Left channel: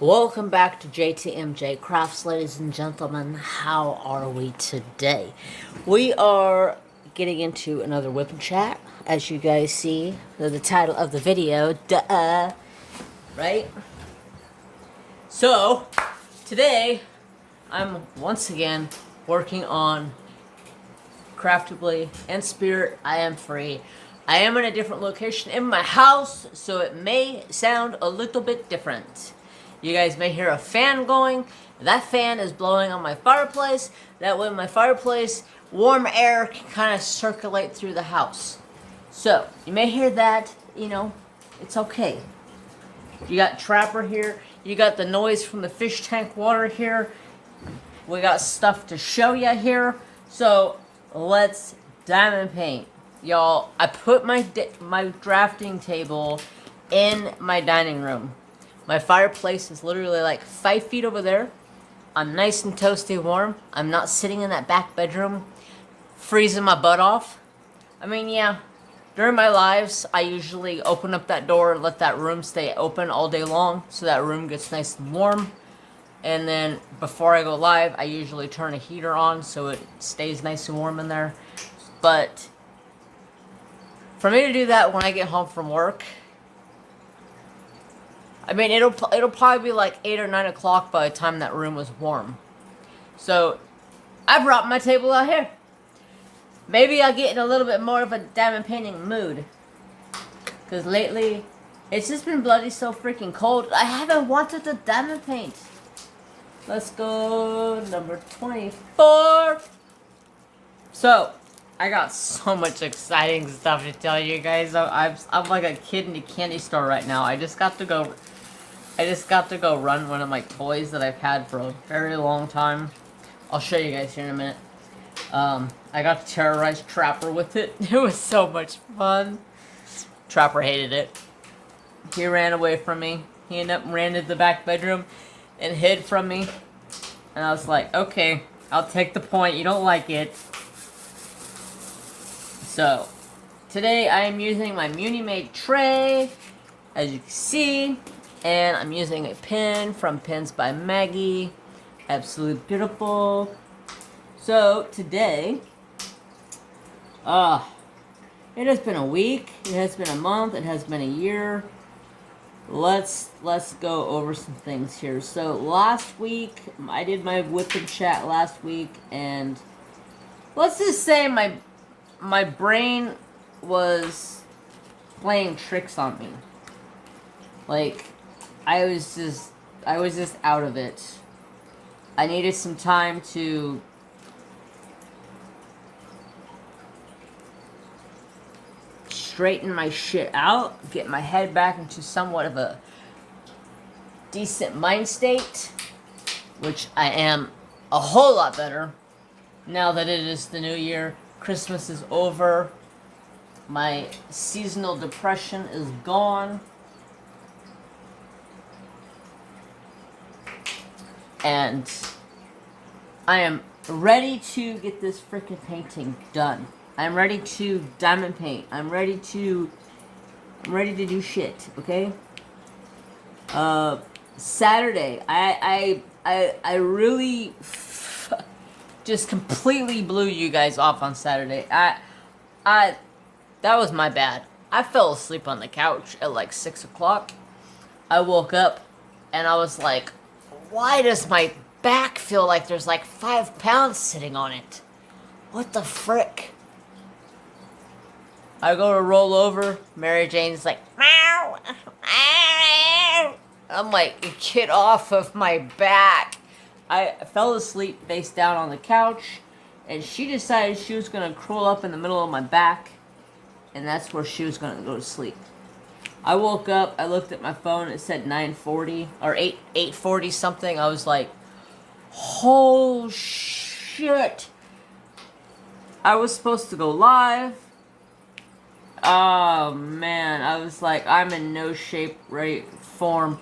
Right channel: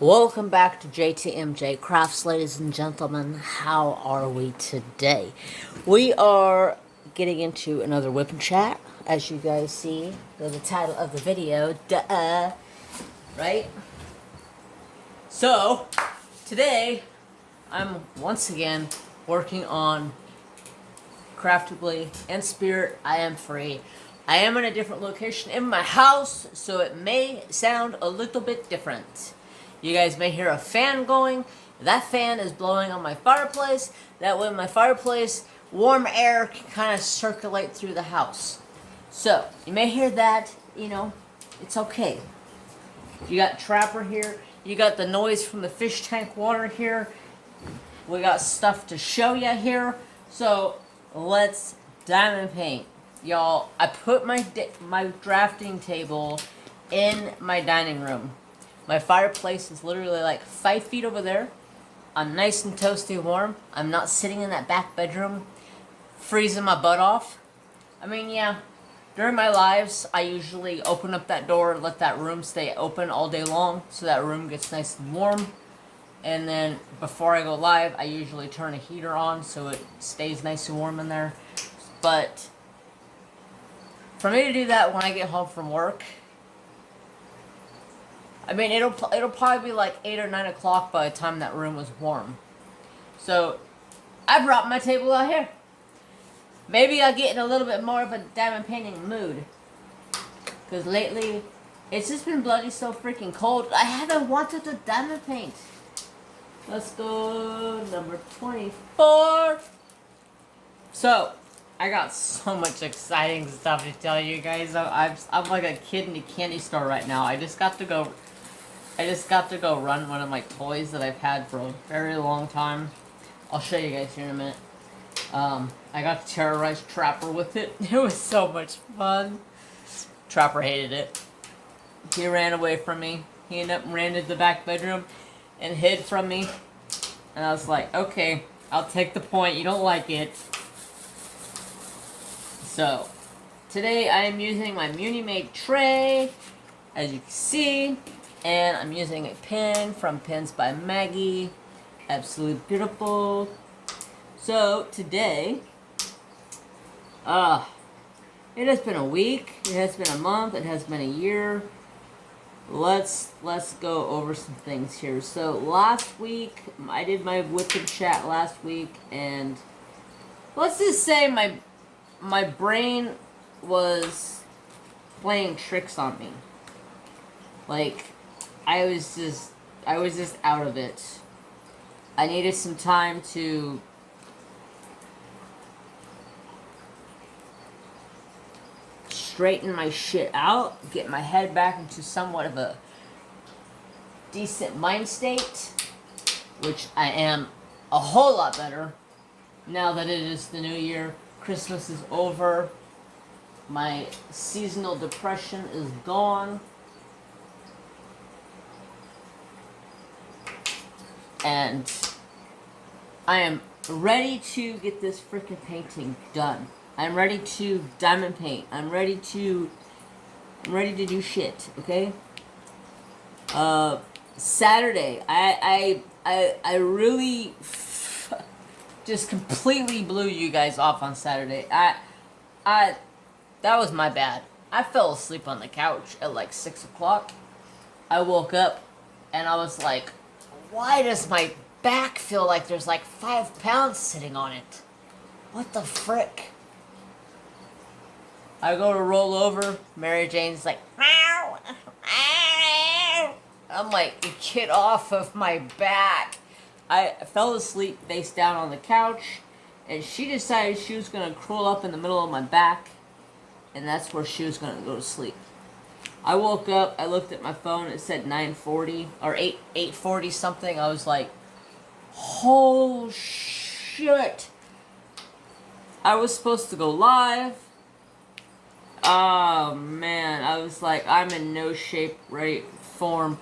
Welcome back to JTMJ Crafts, ladies and gentlemen. How are we today? We are getting into another whip and chat, as you guys see the title of the video. Duh, right? So today I'm once again working on Craftably and Spirit. I am free. I am in a different location in my house, so it may sound a little bit different. You guys may hear a fan going. That fan is blowing on my fireplace. That way my fireplace, warm air can kind of circulate through the house. So, you may hear that, it's okay. You got Trapper here. You got the noise from the fish tank water here. We got stuff to show you here. So, let's diamond paint. Y'all, I put my drafting table in my dining room. My fireplace is literally like 5 feet over there. I'm nice and toasty warm. I'm not sitting in that back bedroom freezing my butt off. I mean, yeah, during my lives, I usually open up that door and let that room stay open all day long so that room gets nice and warm. And then before I go live, I usually turn a heater on so it stays nice and warm in there. But for me to do that when I get home from work, I mean, it'll probably be like 8 or 9 o'clock by the time that room was warm. So, I brought my table out here. Maybe I'll get in a little bit more of a diamond painting mood. Because lately, it's just been bloody so freaking cold. I haven't wanted to diamond paint. Let's go number 24. So, I got so much exciting stuff to tell you guys. I'm like a kid in a candy store right now. I just got to go run one of my toys that I've had for a very long time. I'll show you guys here in a minute. I got to terrorize Trapper with it. It was so much fun. Trapper hated it. He ran away from me. He ran into the back bedroom and hid from me. And I was like, okay, I'll take the point. You don't like it. So, today I am using my Muni-Made tray, as you can see. And I'm using a pen from Pens by Maggie. Absolutely beautiful. So, today, it has been a week, it has been a month, it has been a year. Let's go over some things here. So, last week, I did my whip and chat last week, and let's just say my brain was playing tricks on me. Like, I was just out of it. I needed some time to straighten my shit out, get my head back into somewhat of a decent mind state, which I am a whole lot better now that it is the new year. Christmas is over. My seasonal depression is gone. And I am ready to get this freaking painting done. I'm ready to diamond paint. I'm ready to do shit, okay? Saturday, I really just completely blew you guys off on Saturday. That was my bad. I fell asleep on the couch at like 6 o'clock. I woke up and I was like, why does my back feel like there's like 5 pounds sitting on it? What the frick? I go to roll over. Mary Jane's like, meow. I'm like, get off of my back. I fell asleep face down on the couch, and she decided she was going to curl up in the middle of my back, and that's where she was going to go to sleep. I woke up, I looked at my phone, it said 9:40, or 8:40 something. I was like, oh shit. I was supposed to go live. Oh man, I was like, I'm in no shape, form,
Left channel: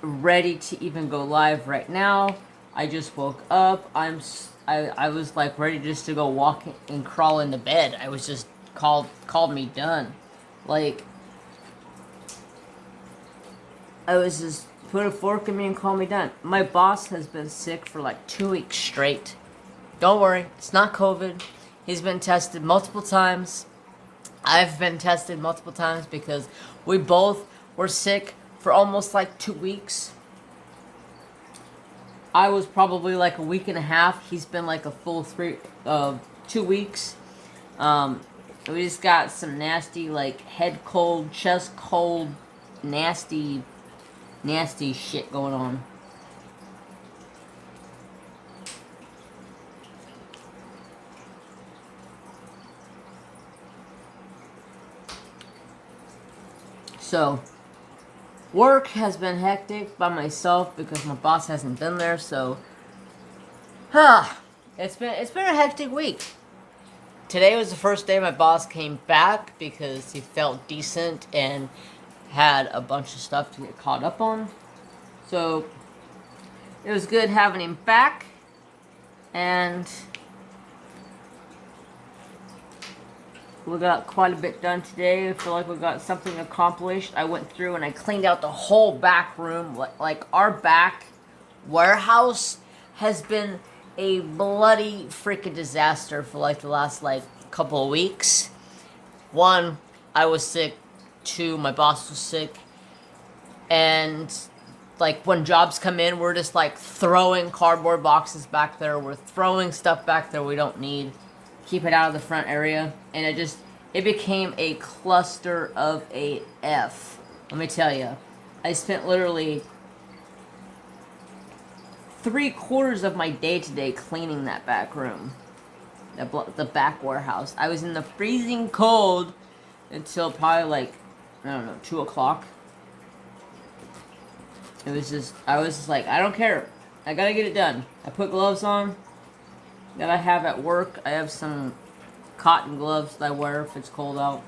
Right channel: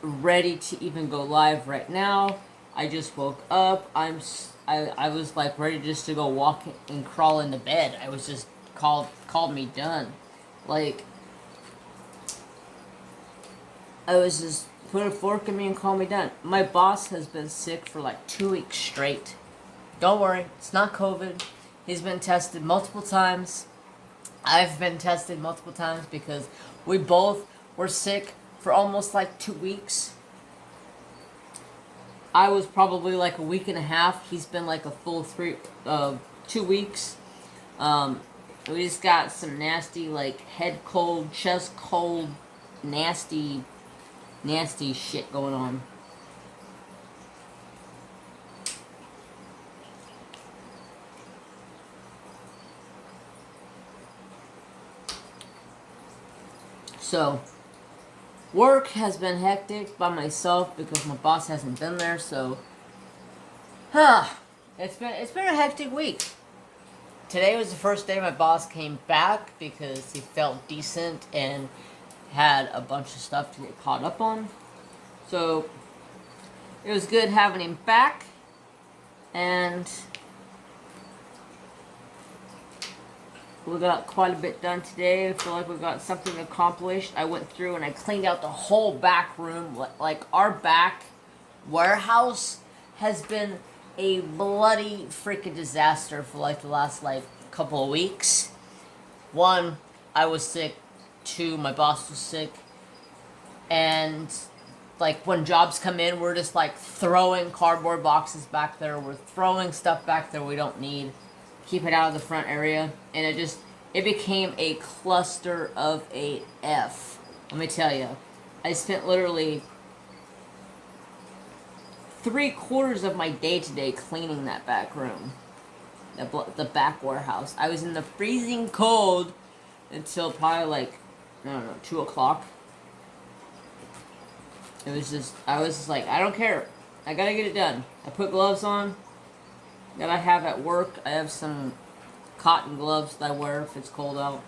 ready to even go live right now. I just woke up. I was like ready just to go walk and crawl into bed. I was just called me done. Like, I was just put a fork in me and call me done. My boss has been sick for like 2 weeks straight. Don't worry, it's not COVID. He's been tested multiple times. I've been tested multiple times because we both were sick for almost like 2 weeks. I was probably like a week and a half. He's been like a full 2 weeks. We just got some nasty, like, head cold, chest cold, nasty shit going on. So, work has been hectic by myself because my boss hasn't been there, so it's been a hectic week. Today was the first day my boss came back because he felt decent and had a bunch of stuff to get caught up on. So it was good having him back, and we got quite a bit done today. I feel like we got something accomplished. I went through and I cleaned out the whole back room. Like, our back warehouse has been a bloody freaking disaster for like the last like couple of weeks. 1, I was sick. 2, my boss was sick. And like when jobs come in, we're just like throwing cardboard boxes back there. We're throwing stuff back there we don't need. Keep it out of the front area. And it became a cluster of a F. Let me tell you. I spent literally 3/4 of my day today cleaning that back room. The back warehouse. I was in the freezing cold until probably like, I don't know, 2 o'clock. I was just like, I don't care. I gotta get it done. I put gloves on that I have at work. I have some cotton gloves that I wear if it's cold out.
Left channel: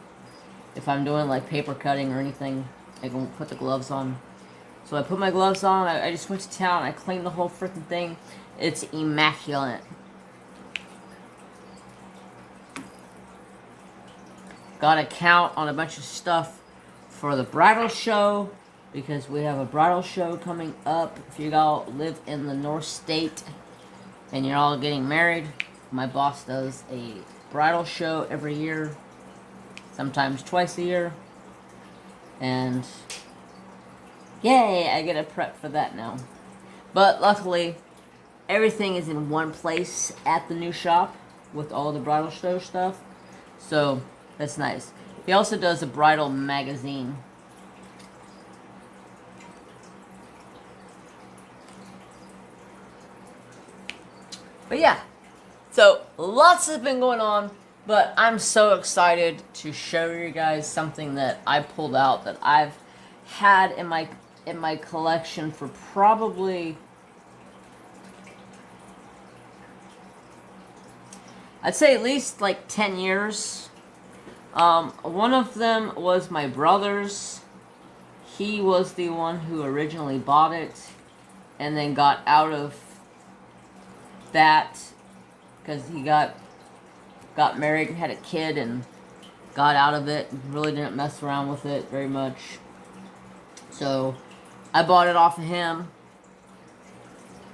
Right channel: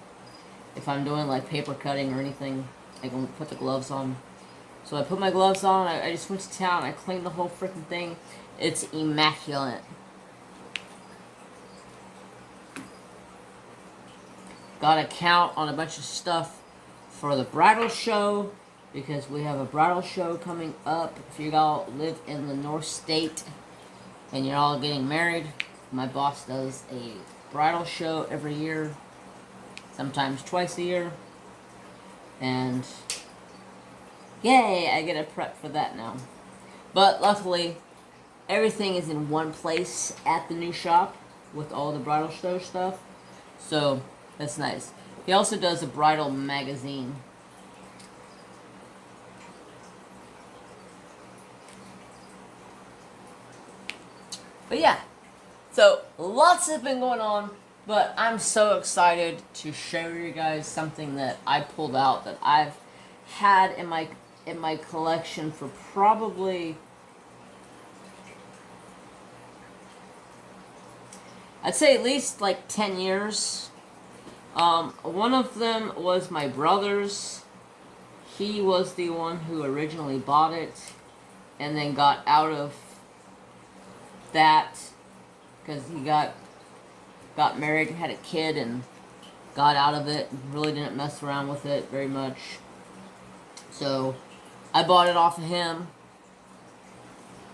If I'm doing like paper cutting or anything, I can put the gloves on. So I put my gloves on. I just went to town. I cleaned the whole freaking thing. It's immaculate. Got to count on a bunch of stuff for the bridal show, because we have a bridal show coming up. If you all live in the North State and you're all getting married, my boss does a bridal show every year, sometimes twice a year. And yay, I get to prep for that now. But luckily, everything is in one place at the new shop with all the bridal show stuff. So that's nice. He also does a bridal magazine. But yeah, so lots has been going on, but I'm so excited to show you guys something that I pulled out that I've had in my collection for probably, I'd say at least like 10 years. One of them was my brother's. He was the one who originally bought it and then got out of that because he got married and had a kid and got out of it and really didn't mess around with it very much. So I bought it off of him,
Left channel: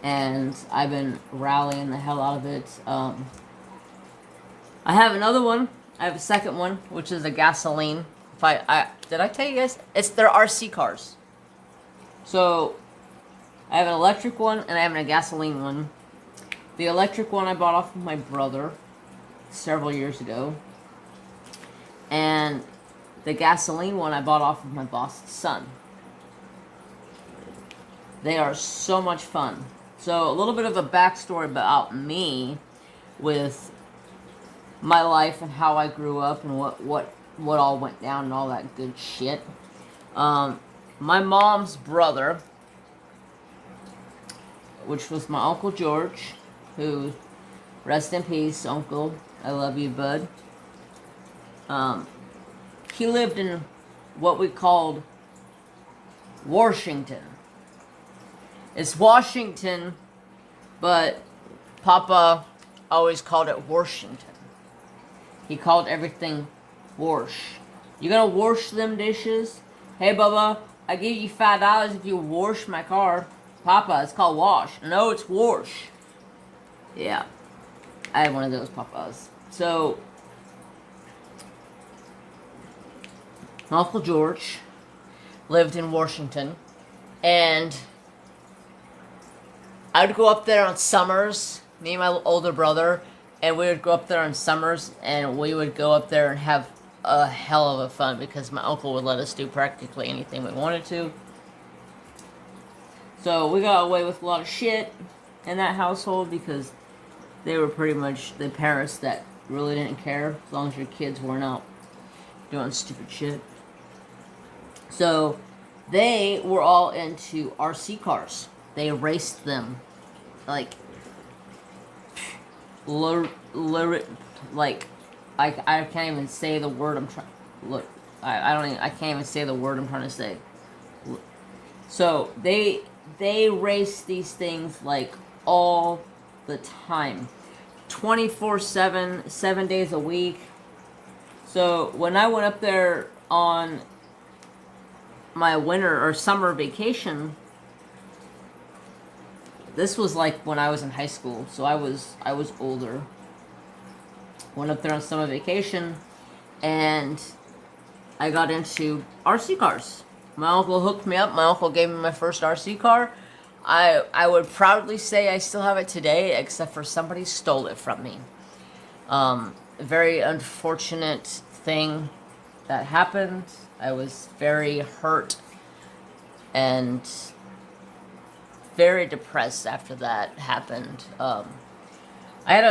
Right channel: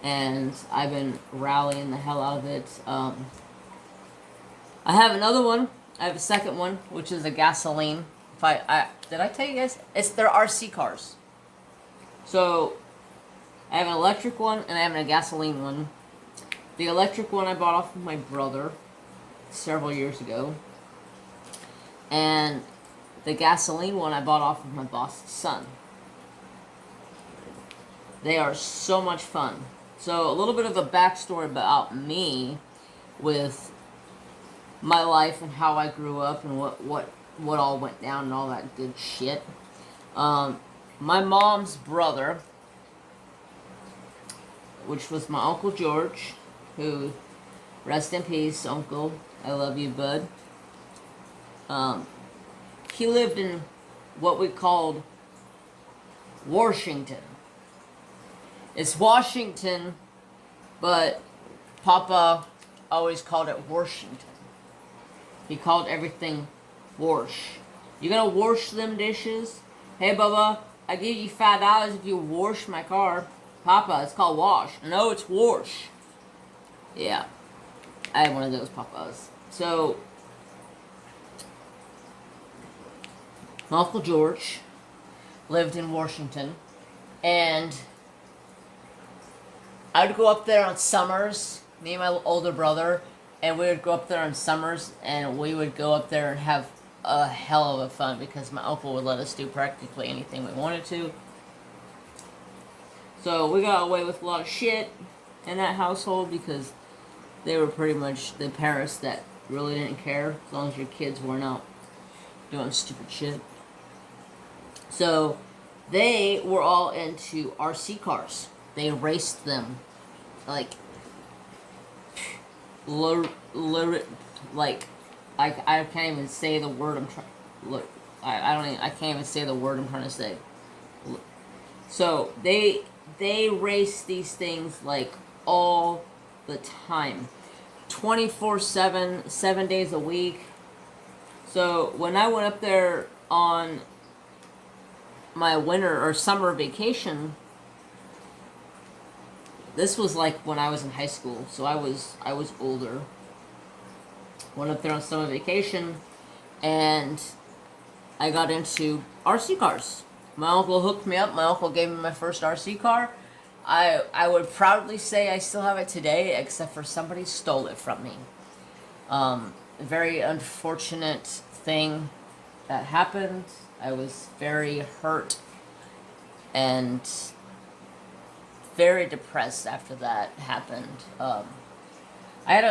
and I've been rallying the hell out of it. I have another one. I have a second one, which is a gasoline. Did I tell you guys? They're RC cars. So I have an electric one and I have a gasoline one. The electric one I bought off of my brother several years ago. And the gasoline one I bought off of my boss's son. They are so much fun. So a little bit of a backstory about me with my life and how I grew up and what all went down and all that good shit. My mom's brother, which was my Uncle George, who, rest in peace, Uncle, I love you, bud. He lived in what we called Washington. It's Washington, but Papa always called it Washington. He called everything wash. You gonna wash them dishes? Hey, Bubba, I give you $5 if you wash my car. Papa, it's called wash. No, it's wash. Yeah. I had one of those papas. So, my Uncle George lived in Washington, and I would go up there on summers, me and my older brother, and we would go up there on summers, and we would go up there and have a hell of a fun because my uncle would let us do practically anything we wanted to. So we got away with a lot of shit in that household because they were pretty much the parents that really didn't care as long as your kids weren't out doing stupid shit. So they were all into RC cars. They raced them like like I can't even say the word I'm trying. Look, I can't even say the word I'm trying to say. So they race these things like all the time, 24/7, 7 days a week. So when I went up there on my winter or summer vacation, this was like when I was in high school, so I was older. Went up there on summer vacation, and I got into RC cars. My uncle hooked me up. My uncle gave me my first RC car. I would proudly say I still have it today, except for somebody stole it from me. A very unfortunate thing that happened. I was very hurt and very depressed after that happened. I had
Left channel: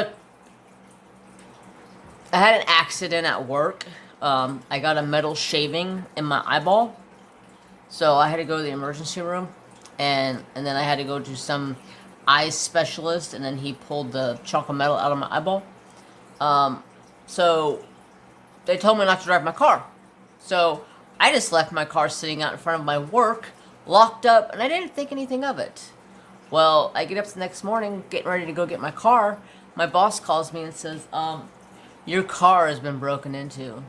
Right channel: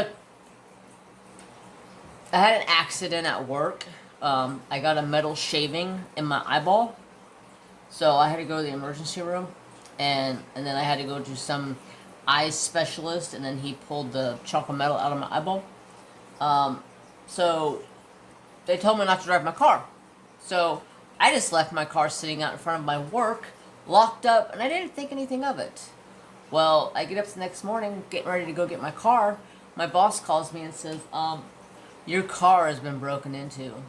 an accident at work. I got a metal shaving in my eyeball, so I had to go to the emergency room, and then I had to go to some eye specialist, and then he pulled the chunk of metal out of my eyeball. So they told me not to drive my car. So I just left my car sitting out in front of my work, locked up, and I didn't think anything of it. Well, I get up the next morning, getting ready to go get my car. My boss calls me and says, your car has been broken into.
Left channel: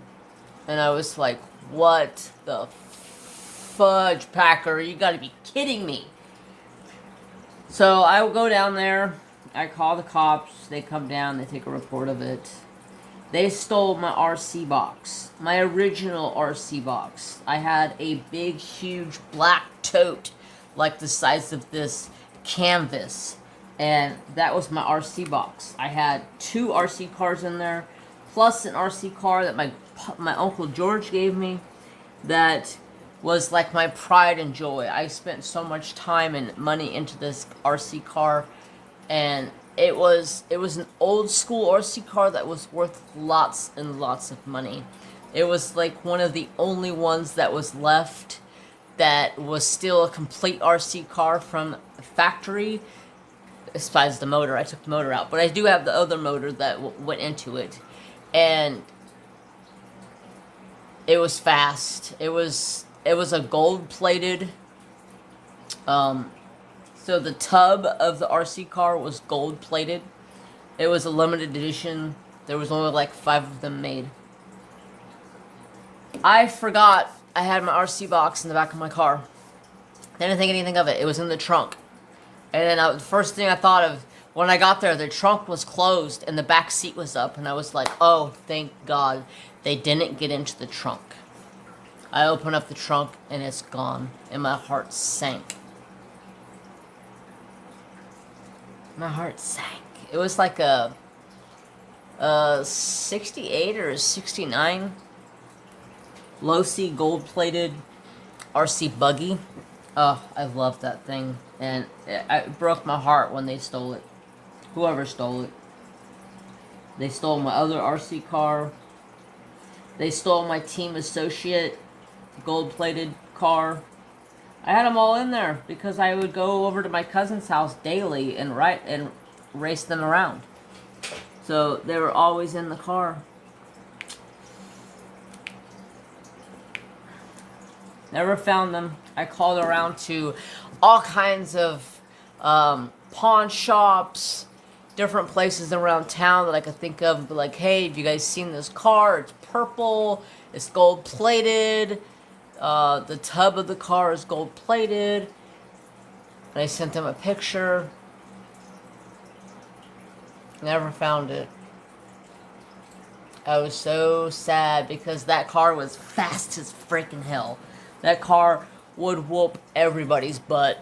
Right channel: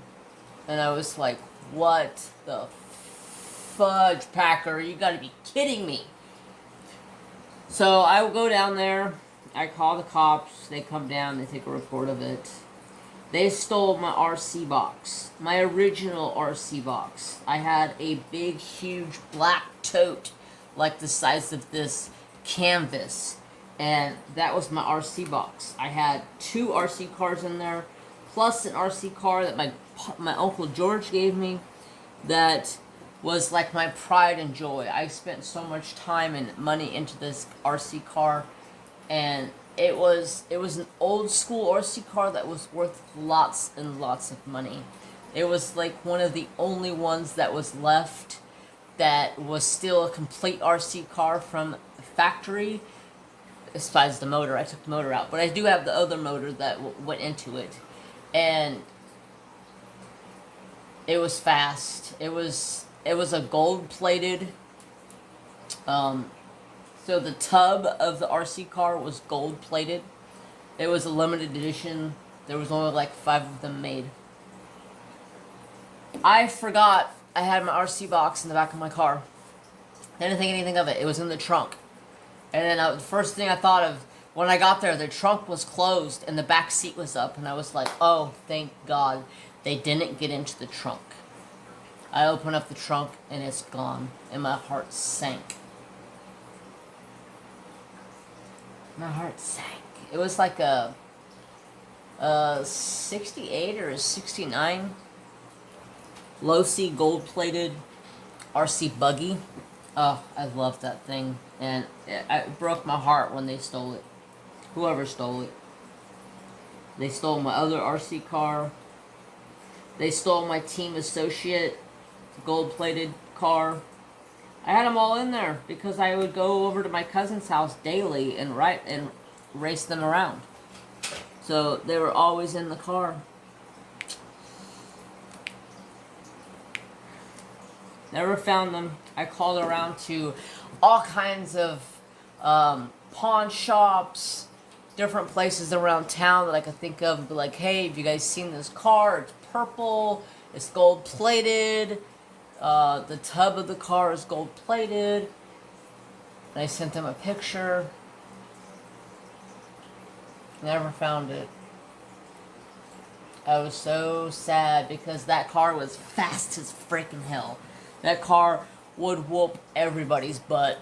And I was like, what the fudge, Packer? You gotta be kidding me. So I will go down there. I call the cops. They come down. They take a report of it. They stole my RC box. My original RC box. I had a big, huge black tote like the size of this canvas. And that was my RC box. I had 2 RC cars in there, plus an RC car that my Uncle George gave me that was like my pride and joy. I spent so much time and money into this RC car, and it was an old school RC car that was worth lots and lots of money. It was like one of the only ones that was left that was still a complete RC car from the factory, besides the motor. I took the motor out, but I do have the other motor that went into it, and it was fast. It was a gold-plated, so the tub of the RC car was gold-plated. It was a limited edition. There was only like 5 of them made. I forgot I had my RC box in the back of my car. I didn't think anything of it. It was in the trunk. And then the first thing I thought of when I got there, the trunk was closed and the back seat was up. And I was like, oh, thank God they didn't get into the trunk. I open up the trunk and it's gone. And my heart sank. My heart sank. It was like a 68 or a 69 low-C gold-plated RC buggy. Oh, I love that thing. And it broke my heart when they stole it. Whoever stole it. They stole my other RC car. They stole my Team Associate gold-plated car. I had them all in there because I would go over to my cousin's house daily and race them around. So they were always in the car. Never found them. I called around to all kinds of pawn shops, different places around town that I could think of, and be like, hey, have you guys seen this car? It's purple, it's gold plated. The tub of the car is gold plated. And I sent them a picture. Never found it. I was so sad because that car was fast as freaking hell. That car would whoop everybody's butt.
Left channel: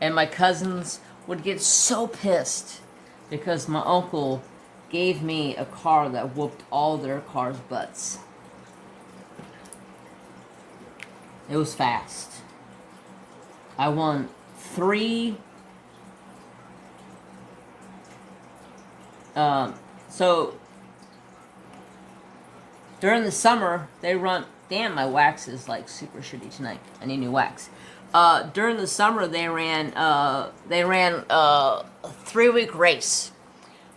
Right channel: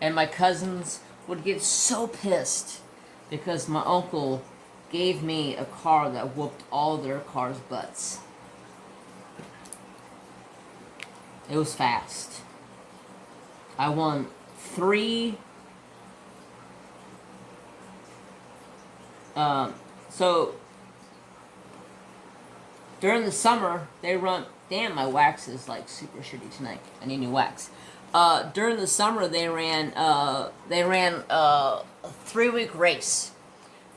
And my cousins would get so pissed because my uncle gave me a car that whooped all their cars' butts. It was fast. I won 3. So during the summer, they run. Damn, my wax is like super shitty tonight. I need new wax. During the summer, they ran a 3-week race,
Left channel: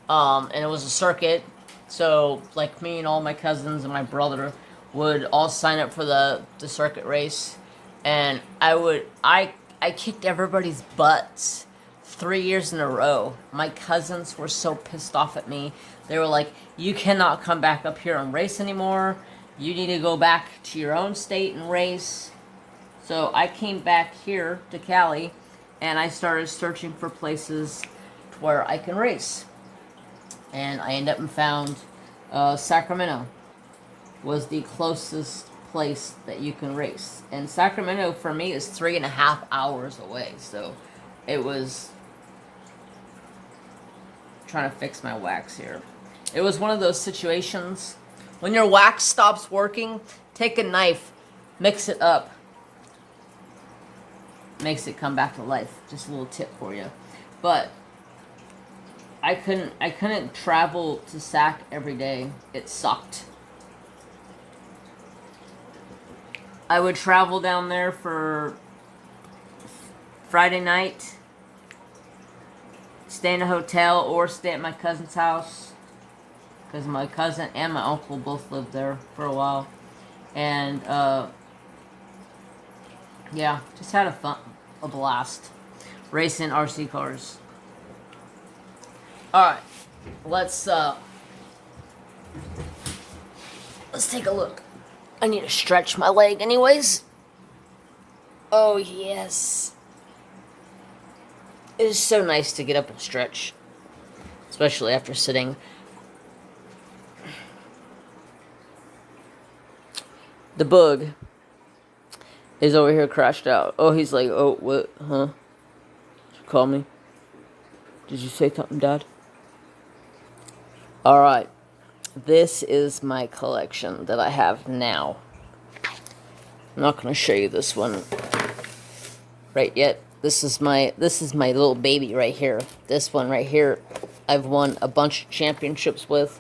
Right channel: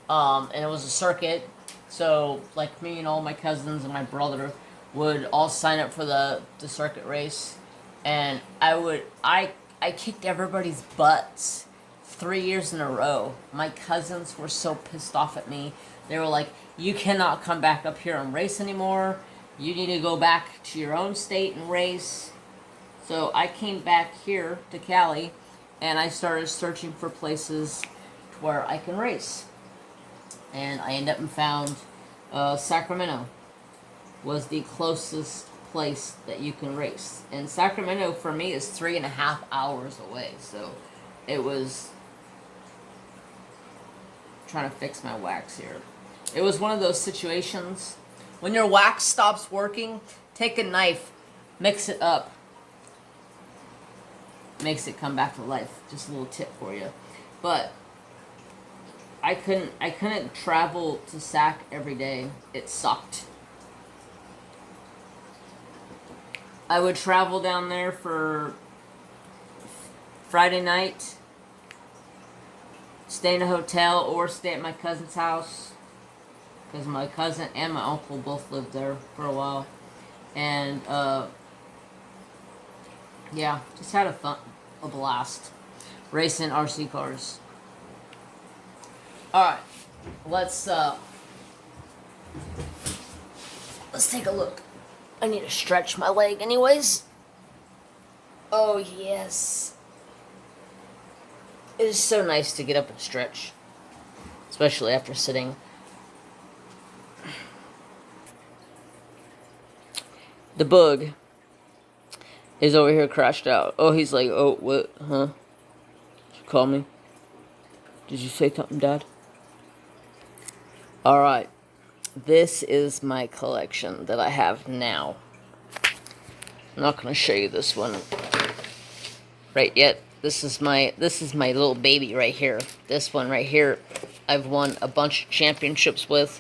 and it was a circuit. So like me and all my cousins and my brother would all sign up for the circuit race, and I kicked everybody's butts 3 years in a row. My cousins were so pissed off at me. They were like, "You cannot come back up here and race anymore. You need to go back to your own state and race." So I came back here to Cali, and I started searching for places where I can race. And I ended up and found Sacramento was the closest place that you can race. And Sacramento, for me, is 3.5 hours away. So it was trying to fix my wax here. It was one of those situations. When your wax stops working, take a knife, mix it up. Makes it come back to life. Just a little tip for you. But I couldn't travel to Sac every day. It sucked. I would travel down there for Friday night, stay in a hotel or stay at my cousin's house. Because my cousin and my uncle both lived there for a while. And, yeah, just had a blast. Racing RC cars. Alright, let's take a look. I need to stretch my leg anyways. Oh, yes. It is so nice to get up and stretch. Especially after sitting. The bug is over here crashed out. Oh, he's like, oh, what? Huh? Did you call me? Did you say something, Dad? Alright. This is my collection that I have now. I'm not going to show you this one right yet. This is my little baby right here. This one right here, I've won a bunch of championships with.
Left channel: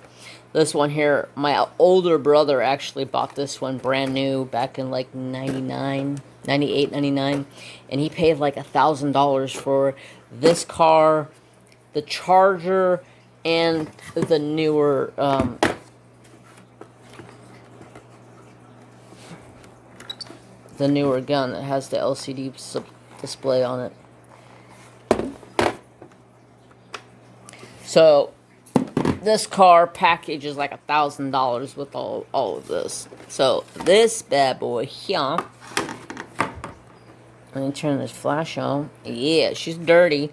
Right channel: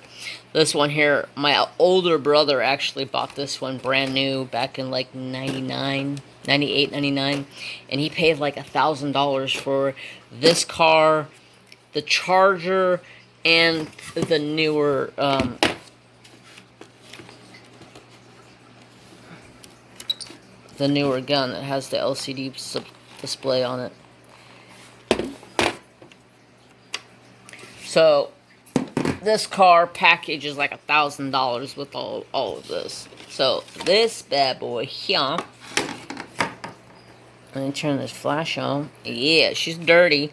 This one here, my older brother actually bought this one brand new back in like 98, 99. And he paid like $1,000 for this car, the Charger, and the newer, gun that has the LCD display on it. So this car package is like $1,000 with all of this. So this bad boy here. Let me turn this flash on. Yeah, she's dirty.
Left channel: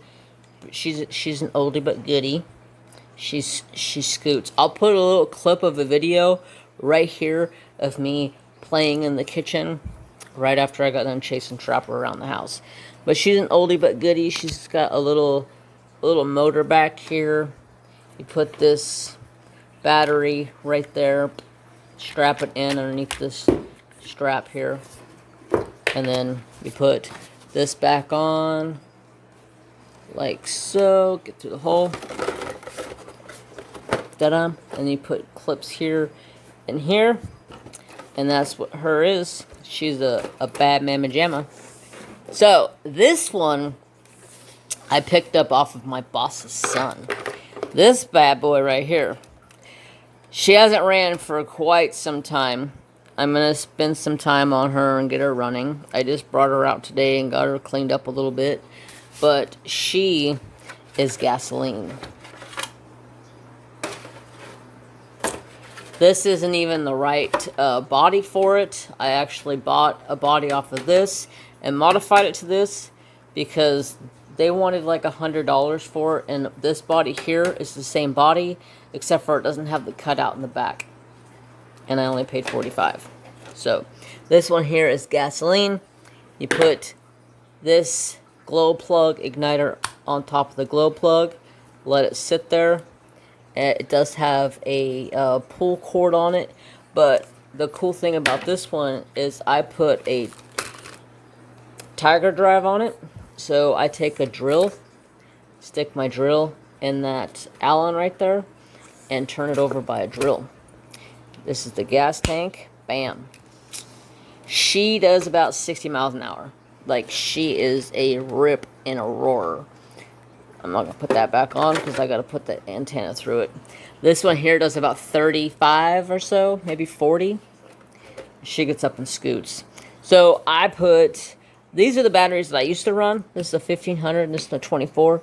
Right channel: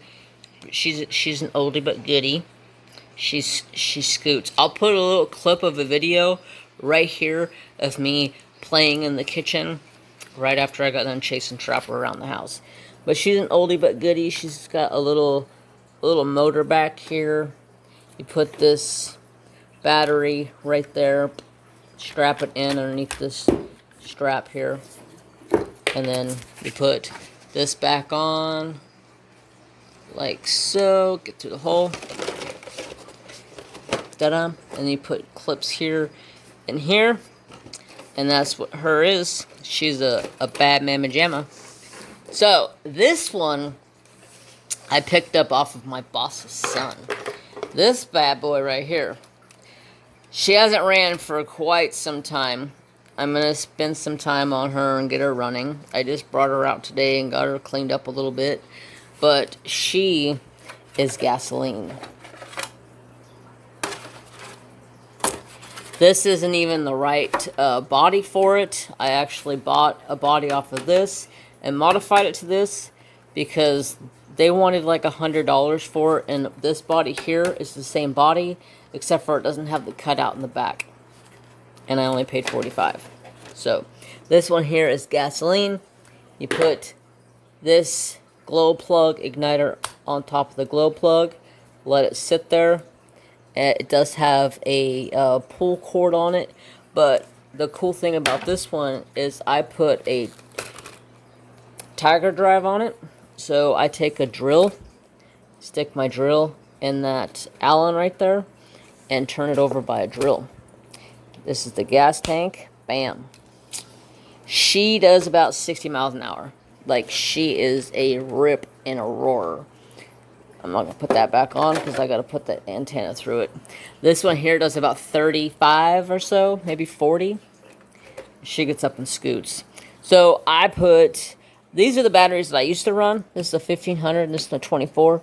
She's an oldie but goodie. She scoots. I'll put a little clip of a video right here of me playing in the kitchen right after I got done chasing Trapper around the house. But she's an oldie but goodie. She's got a little motor back here. You put this battery right there, strap it in underneath this strap here, and then you put this back on like so. Get through the hole. Ta-da! And you put clips here and here, and that's what her is. She's a bad mamma jamma. So this one I picked up off of my boss's son. This bad boy right here. She hasn't ran for quite some time. I'm going to spend some time on her and get her running. I just brought her out today and got her cleaned up a little bit. But she is gasoline. This isn't even the right body for it. I actually bought a body off of this and modified it to this because they wanted like $100 for it, and this body here is the same body except for it doesn't have the cutout in the back, and I only paid $45. So this one here is gasoline. You put this glow plug igniter on top of the glow plug, let it sit there. It does have a pull cord on it, but the cool thing about this one is I put a tiger drive on it. So I take a drill, stick my drill in that Allen right there, and turn it over by a drill. This is the gas tank. Bam. She does about 60 miles an hour. Like, she is a rip and a roar. I'm not going to put that back on because I got to put the antenna through it. This one here does about 35 or so, maybe 40. She gets up and scoots. So I put, these are the batteries that I used to run. This is a 1500 and this is a 24.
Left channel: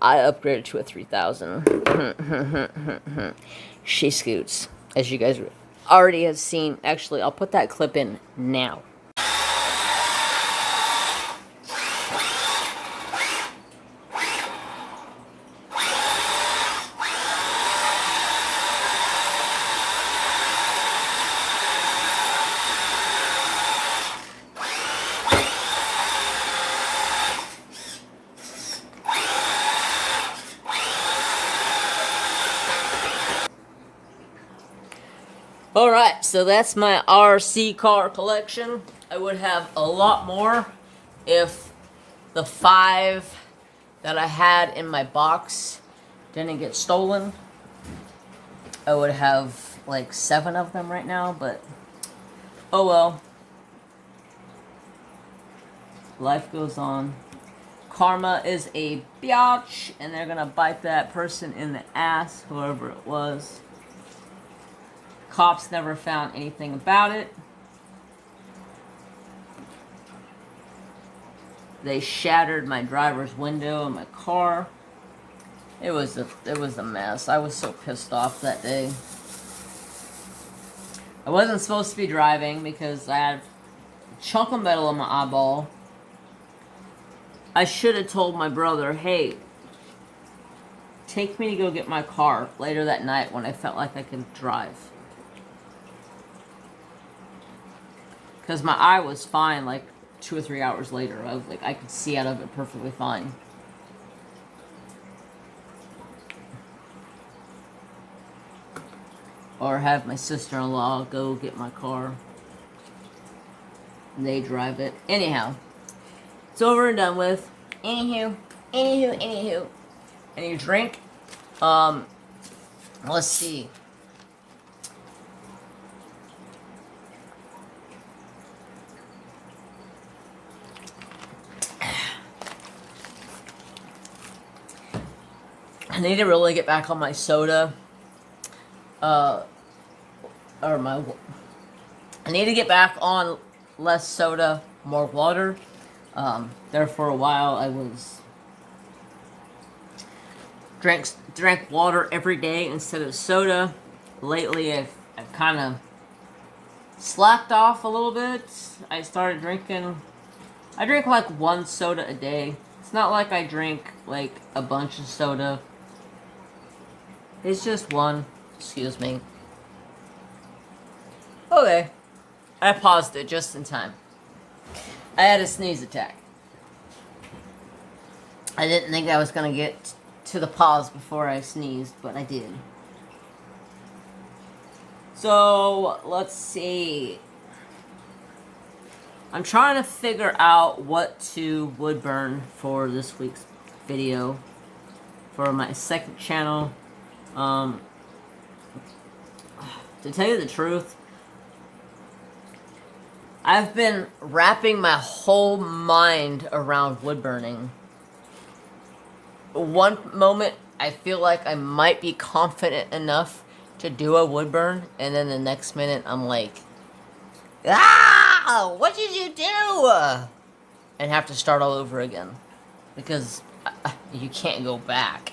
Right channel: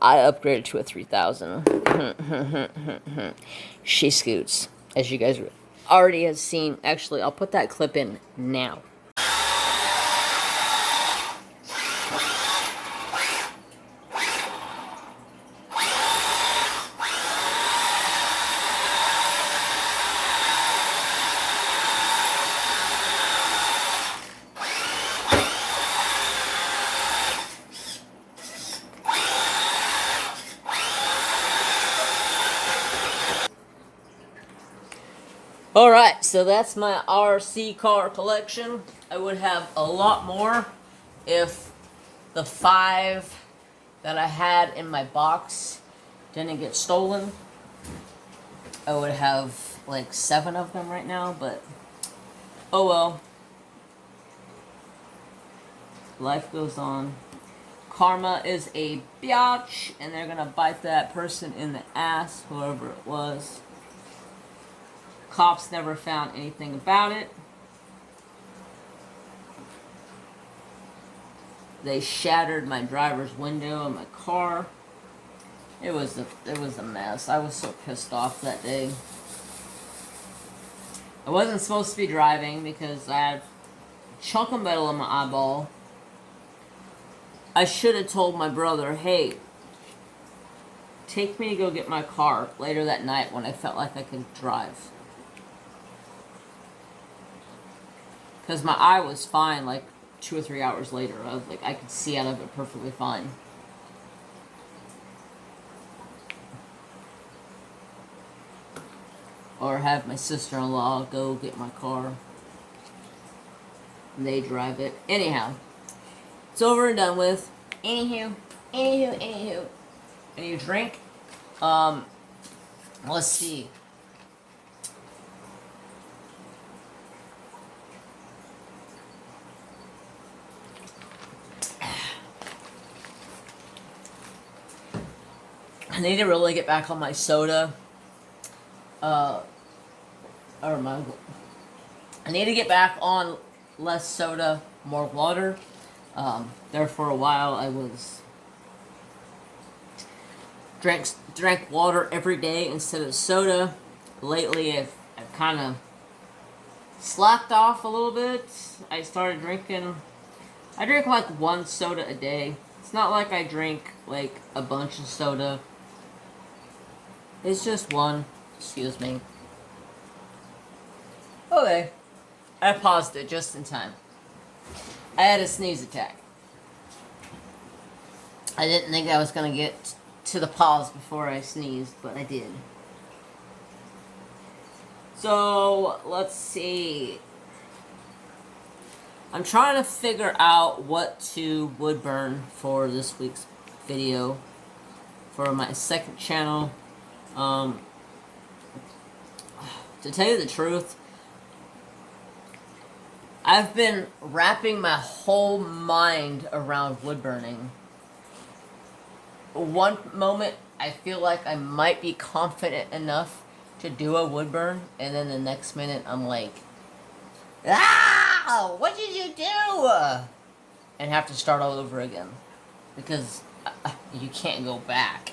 I upgraded to a 3000. She scoots, as you guys already have seen. Actually, I'll put that clip in now. Alright, so that's my RC car collection. I would have a lot more if the 5 that I had in my box didn't get stolen. I would have like 7 of them right now, but oh well. Life goes on. Karma is a biatch, and they're gonna bite that person in the ass, whoever it was. Cops never found anything about it. They shattered my driver's window in my car. It was a mess. I was so pissed off that day. I wasn't supposed to be driving because I had a chunk of metal in my eyeball. I should have told my brother, hey, take me to go get my car later that night when I felt like I could drive. Because my eye was fine like 2 or 3 hours later. I was like, I could see out of it perfectly fine. Or have my sister-in-law go get my car. And they drive it. Anyhow. It's over and done with. Anywho. I need a drink. Let's see. I need to really get back on my soda. I need to get back on less soda, more water. There for a while I was drank water every day instead of soda. Lately I've kind of slacked off a little bit. I drink like 1 soda a day. It's not like I drink like a bunch of soda. It's just 1. Excuse me. Okay. I paused it just in time. I had a sneeze attack. I didn't think I was going to get to the pause before I sneezed, but I did. So, let's see. I'm trying to figure out what to wood burn for this week's video. For my second channel. To tell you the truth, I've been wrapping my whole mind around wood burning. One moment, I feel like I might be confident enough to do a wood burn, and then the next minute, I'm like, ah, what did you do? And have to start all over again. Because you can't go back.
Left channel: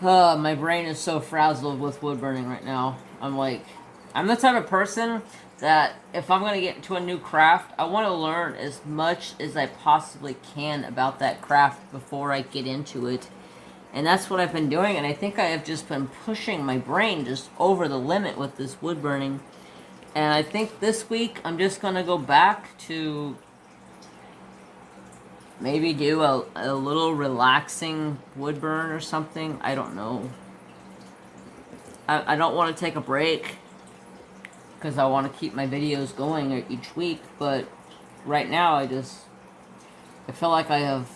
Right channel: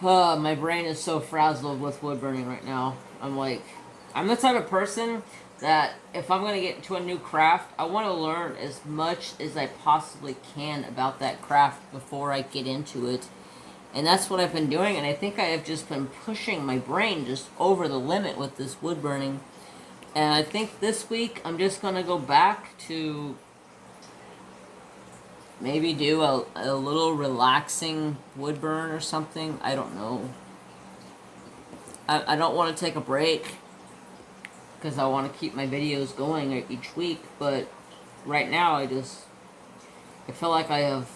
My brain is so frazzled with wood burning right now. I'm the type of person that if I'm going to get into a new craft, I want to learn as much as I possibly can about that craft before I get into it. And that's what I've been doing, and I think I have just been pushing my brain just over the limit with this wood burning. And I think this week I'm just going to go back to maybe do a little relaxing wood burn or something. I don't know. I don't want to take a break because I want to keep my videos going each week, but right now I feel like I have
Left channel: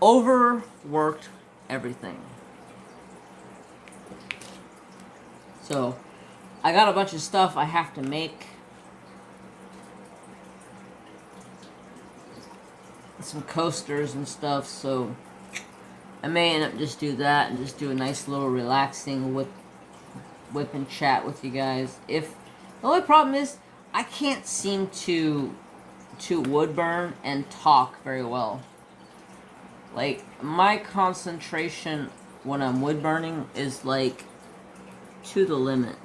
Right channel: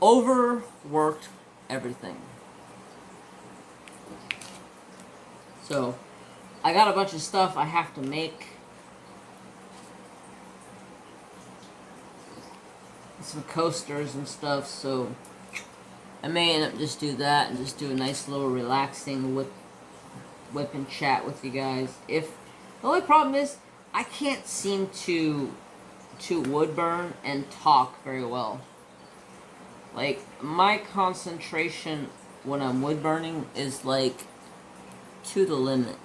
overworked everything. So I got a bunch of stuff I have to make. Some coasters and stuff, so I may end up just do that and just do a nice little relaxing whip and chat with you guys. If the only problem is I can't seem to wood burn and talk very well. Like, my concentration when I'm wood burning is like to the limit.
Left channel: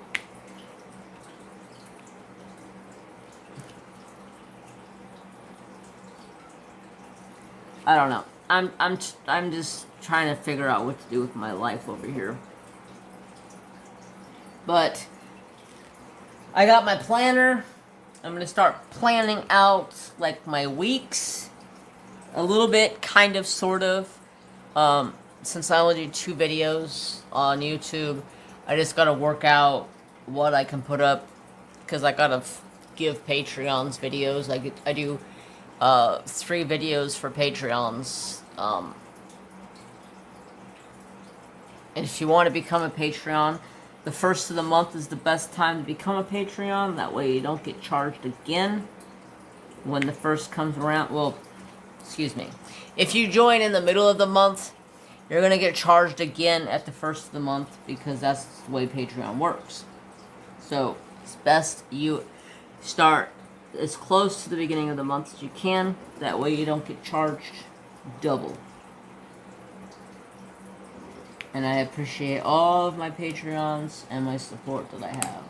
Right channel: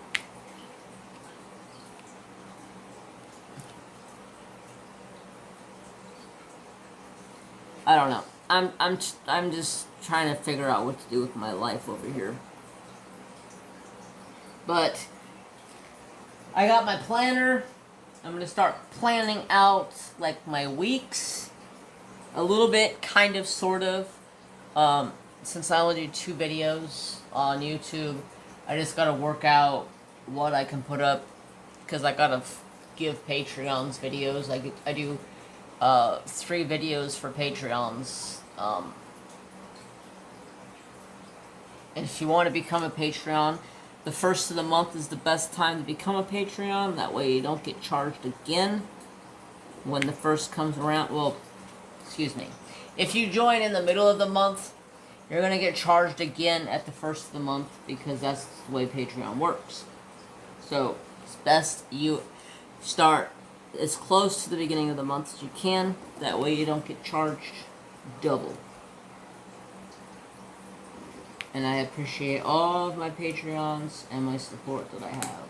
I don't know. I'm just trying to figure out what to do with my life over here. But I got my planner. I'm going to start planning out like my weeks a little bit, kind of, sort of. Since I only do 2 videos on YouTube, I just got to work out what I can put up because I got to give Patreons videos. I do 3 videos for Patreons. And if you want to become a Patreon, the first of the month is the best time to become a Patreon. That way you don't get charged again when the first comes around. Well, excuse me. If you join in the middle of the month, you're going to get charged again at the first of the month because that's the way Patreon works. So it's best you start as close to the beginning of the month as you can. That way you don't get charged double. And I appreciate all of my Patreons and my support that I have.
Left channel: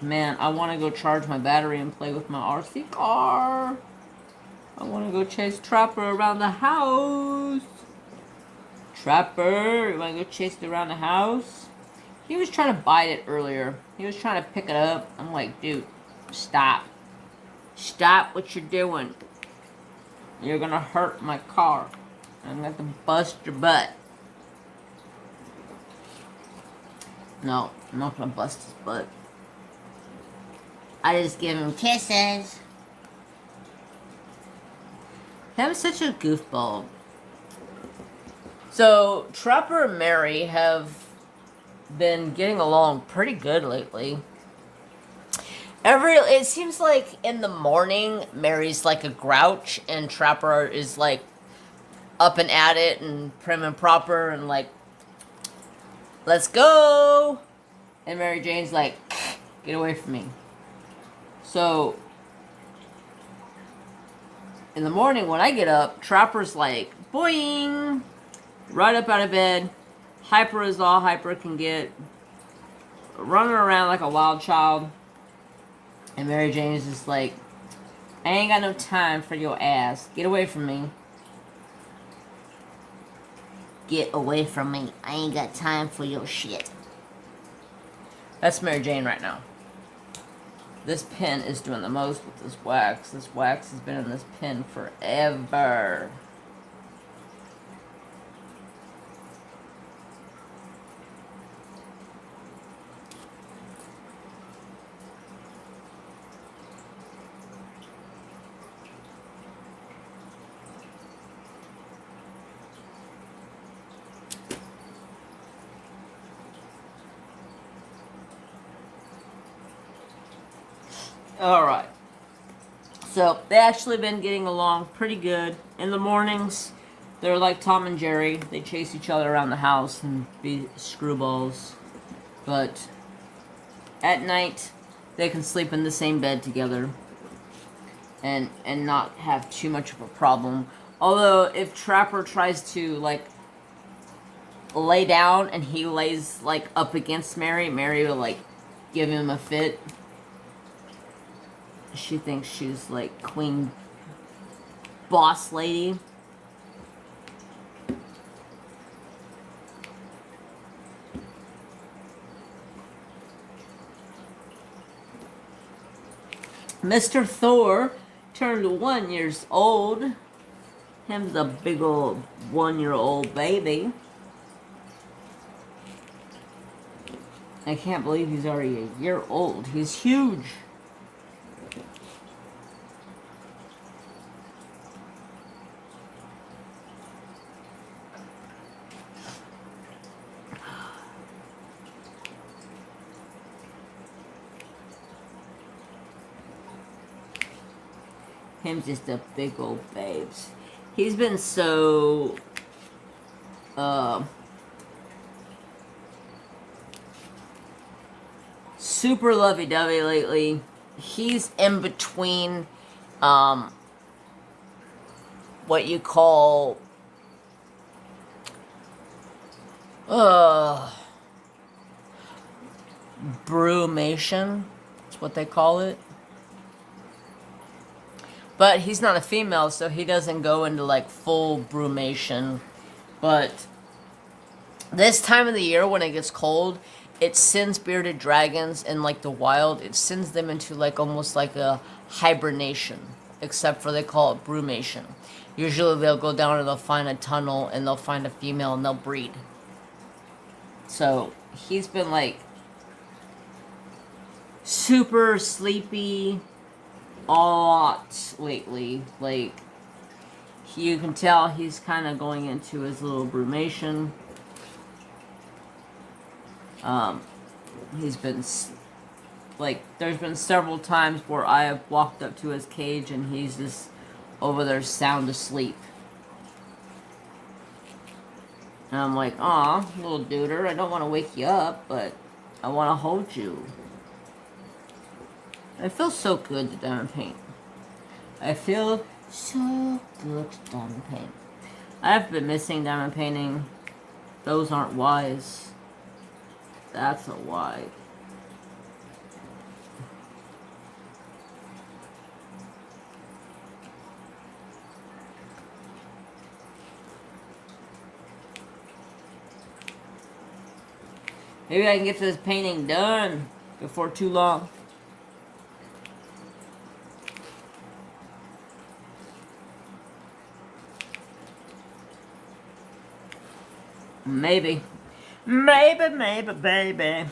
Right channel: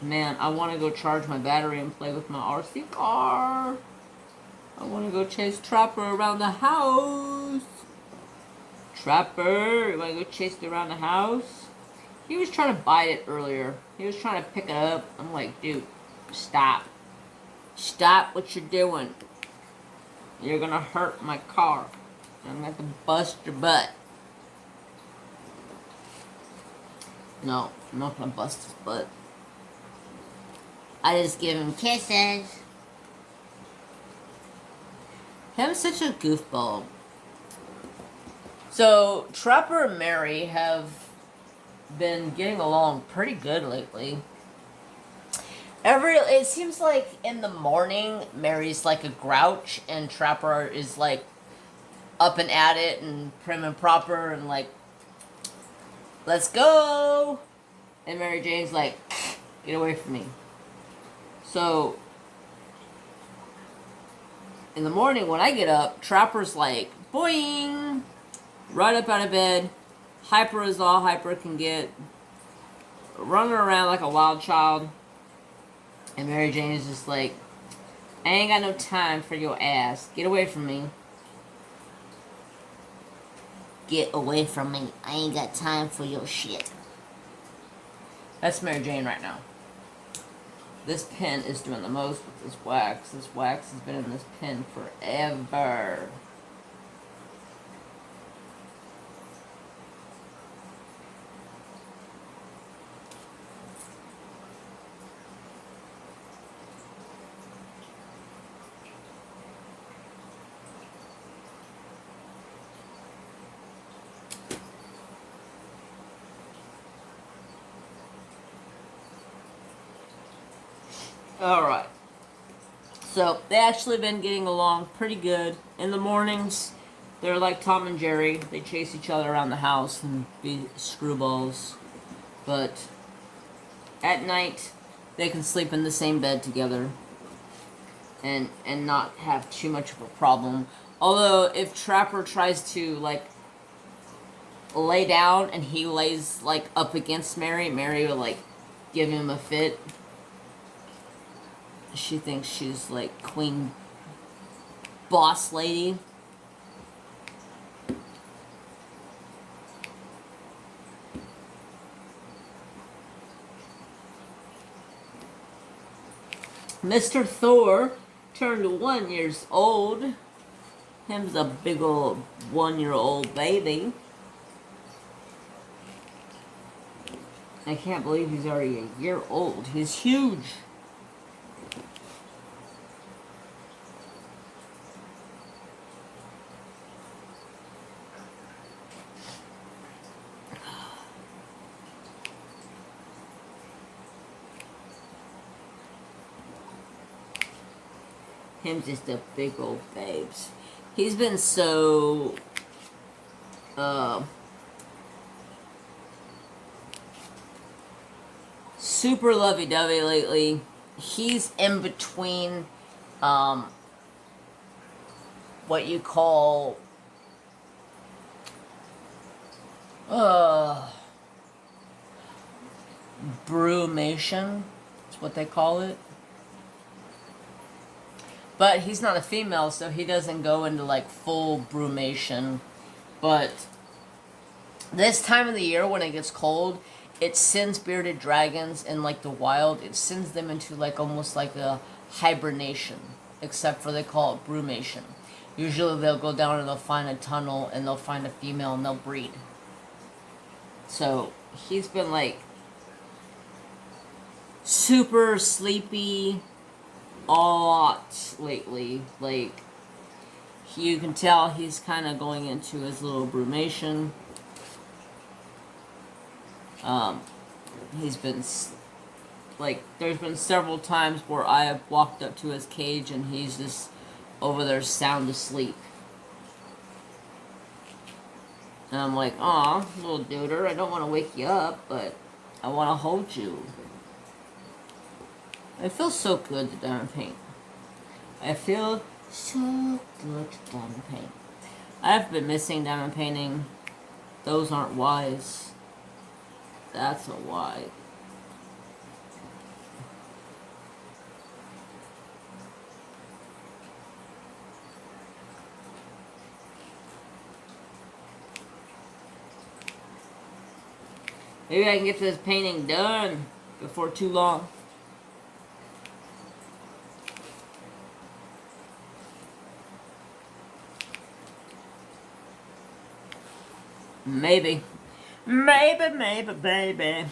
Man, I want to go charge my battery and play with my RC car. I want to go chase Trapper around the house. Trapper, you want to go chase it around the house? He was trying to bite it earlier. He was trying to pick it up. I'm like, dude, stop. Stop what you're doing. You're going to hurt my car. I'm going to bust your butt. No, I'm not going to bust his butt. I just give him kisses. Him's such a goofball. So, Trapper and Mary have been getting along pretty good lately. It seems like in the morning, Mary's like a grouch, and Trapper is like up and at it and prim and proper and like, let's go. And Mary Jane's like, get away from me. So in the morning when I get up, Trapper's like, boing, right up out of bed, hyper as all hyper can get, running around like a wild child. And Mary Jane is just like, I ain't got no time for your ass. Get away from me. Get away from me. I ain't got time for your shit. That's Mary Jane right now. This pen is doing the most with this wax. This wax has been in this pen forever. Alright. So, they actually been getting along pretty good. In the mornings, they're like Tom and Jerry. They chase each other around the house and be screwballs. But at night, they can sleep in the same bed together and not have too much of a problem. Although, if Trapper tries to, like, lay down and he lays like up against Mary, Mary will like give him a fit. She thinks she's like queen boss lady. Mr. Thor turned 1 year old. Him's a big old 1-year-old baby. I can't believe he's already a year old. He's huge. Him's just a big old babes. He's been so super lovey-dovey lately. He's in between what you call brumation. That's what they call it. But he's not a female, so he doesn't go into like full brumation. But this time of the year when it gets cold, it sends bearded dragons in like the wild. It sends them into like almost like a hibernation, except for they call it brumation. Usually they'll go down and they'll find a tunnel and they'll find a female and they'll breed. So he's been like super sleepy a lot lately. Like, you can tell he's kind of going into his little brumation. He's been like, there's been several times where I have walked up to his cage and he's just over there sound asleep. And I'm like, aw, little duder, I don't want to wake you up, but I want to hold you. I feel so good to diamond paint. I feel so good to diamond paint. I've been missing diamond painting. Those aren't whys. That's a why. Maybe I can get this painting done before too long. Maybe. Maybe, baby.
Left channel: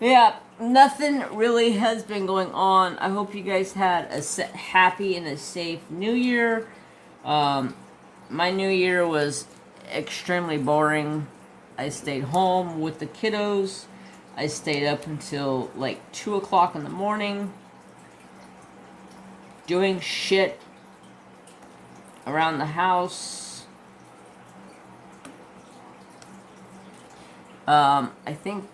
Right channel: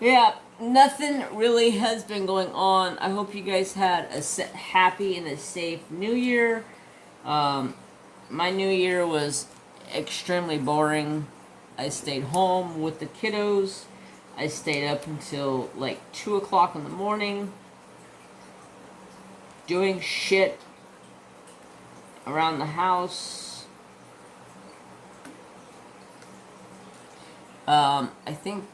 Yeah, nothing really has been going on. I hope you guys had a happy and a safe New Year. My New Year was extremely boring. I stayed home with the kiddos. I stayed up until like 2 o'clock in the morning doing shit around the house. I think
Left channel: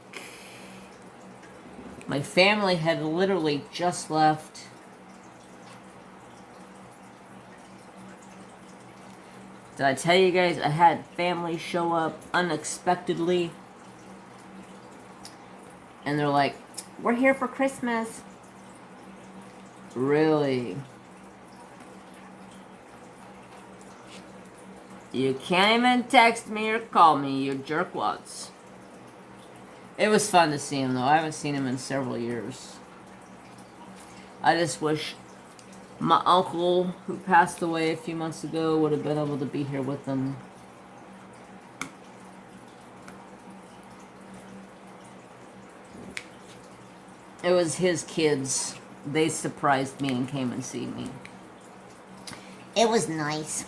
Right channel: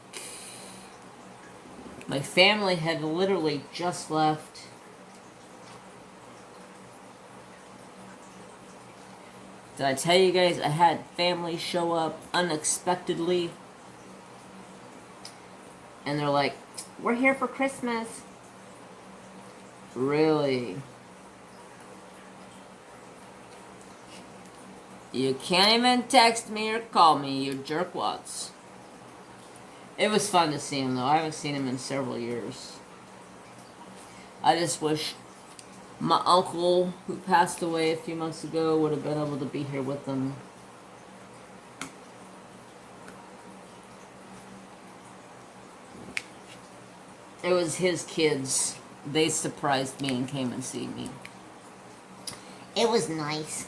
my family had literally just left. Did I tell you guys I had family show up unexpectedly? And they're like, we're here for Christmas. Really? You can't even text me or call me, you jerkwads. It was fun to see him, though. I haven't seen him in several years. I just wish my uncle, who passed away a few months ago, would have been able to be here with them. It was his kids. They surprised me and came and see me. It was nice.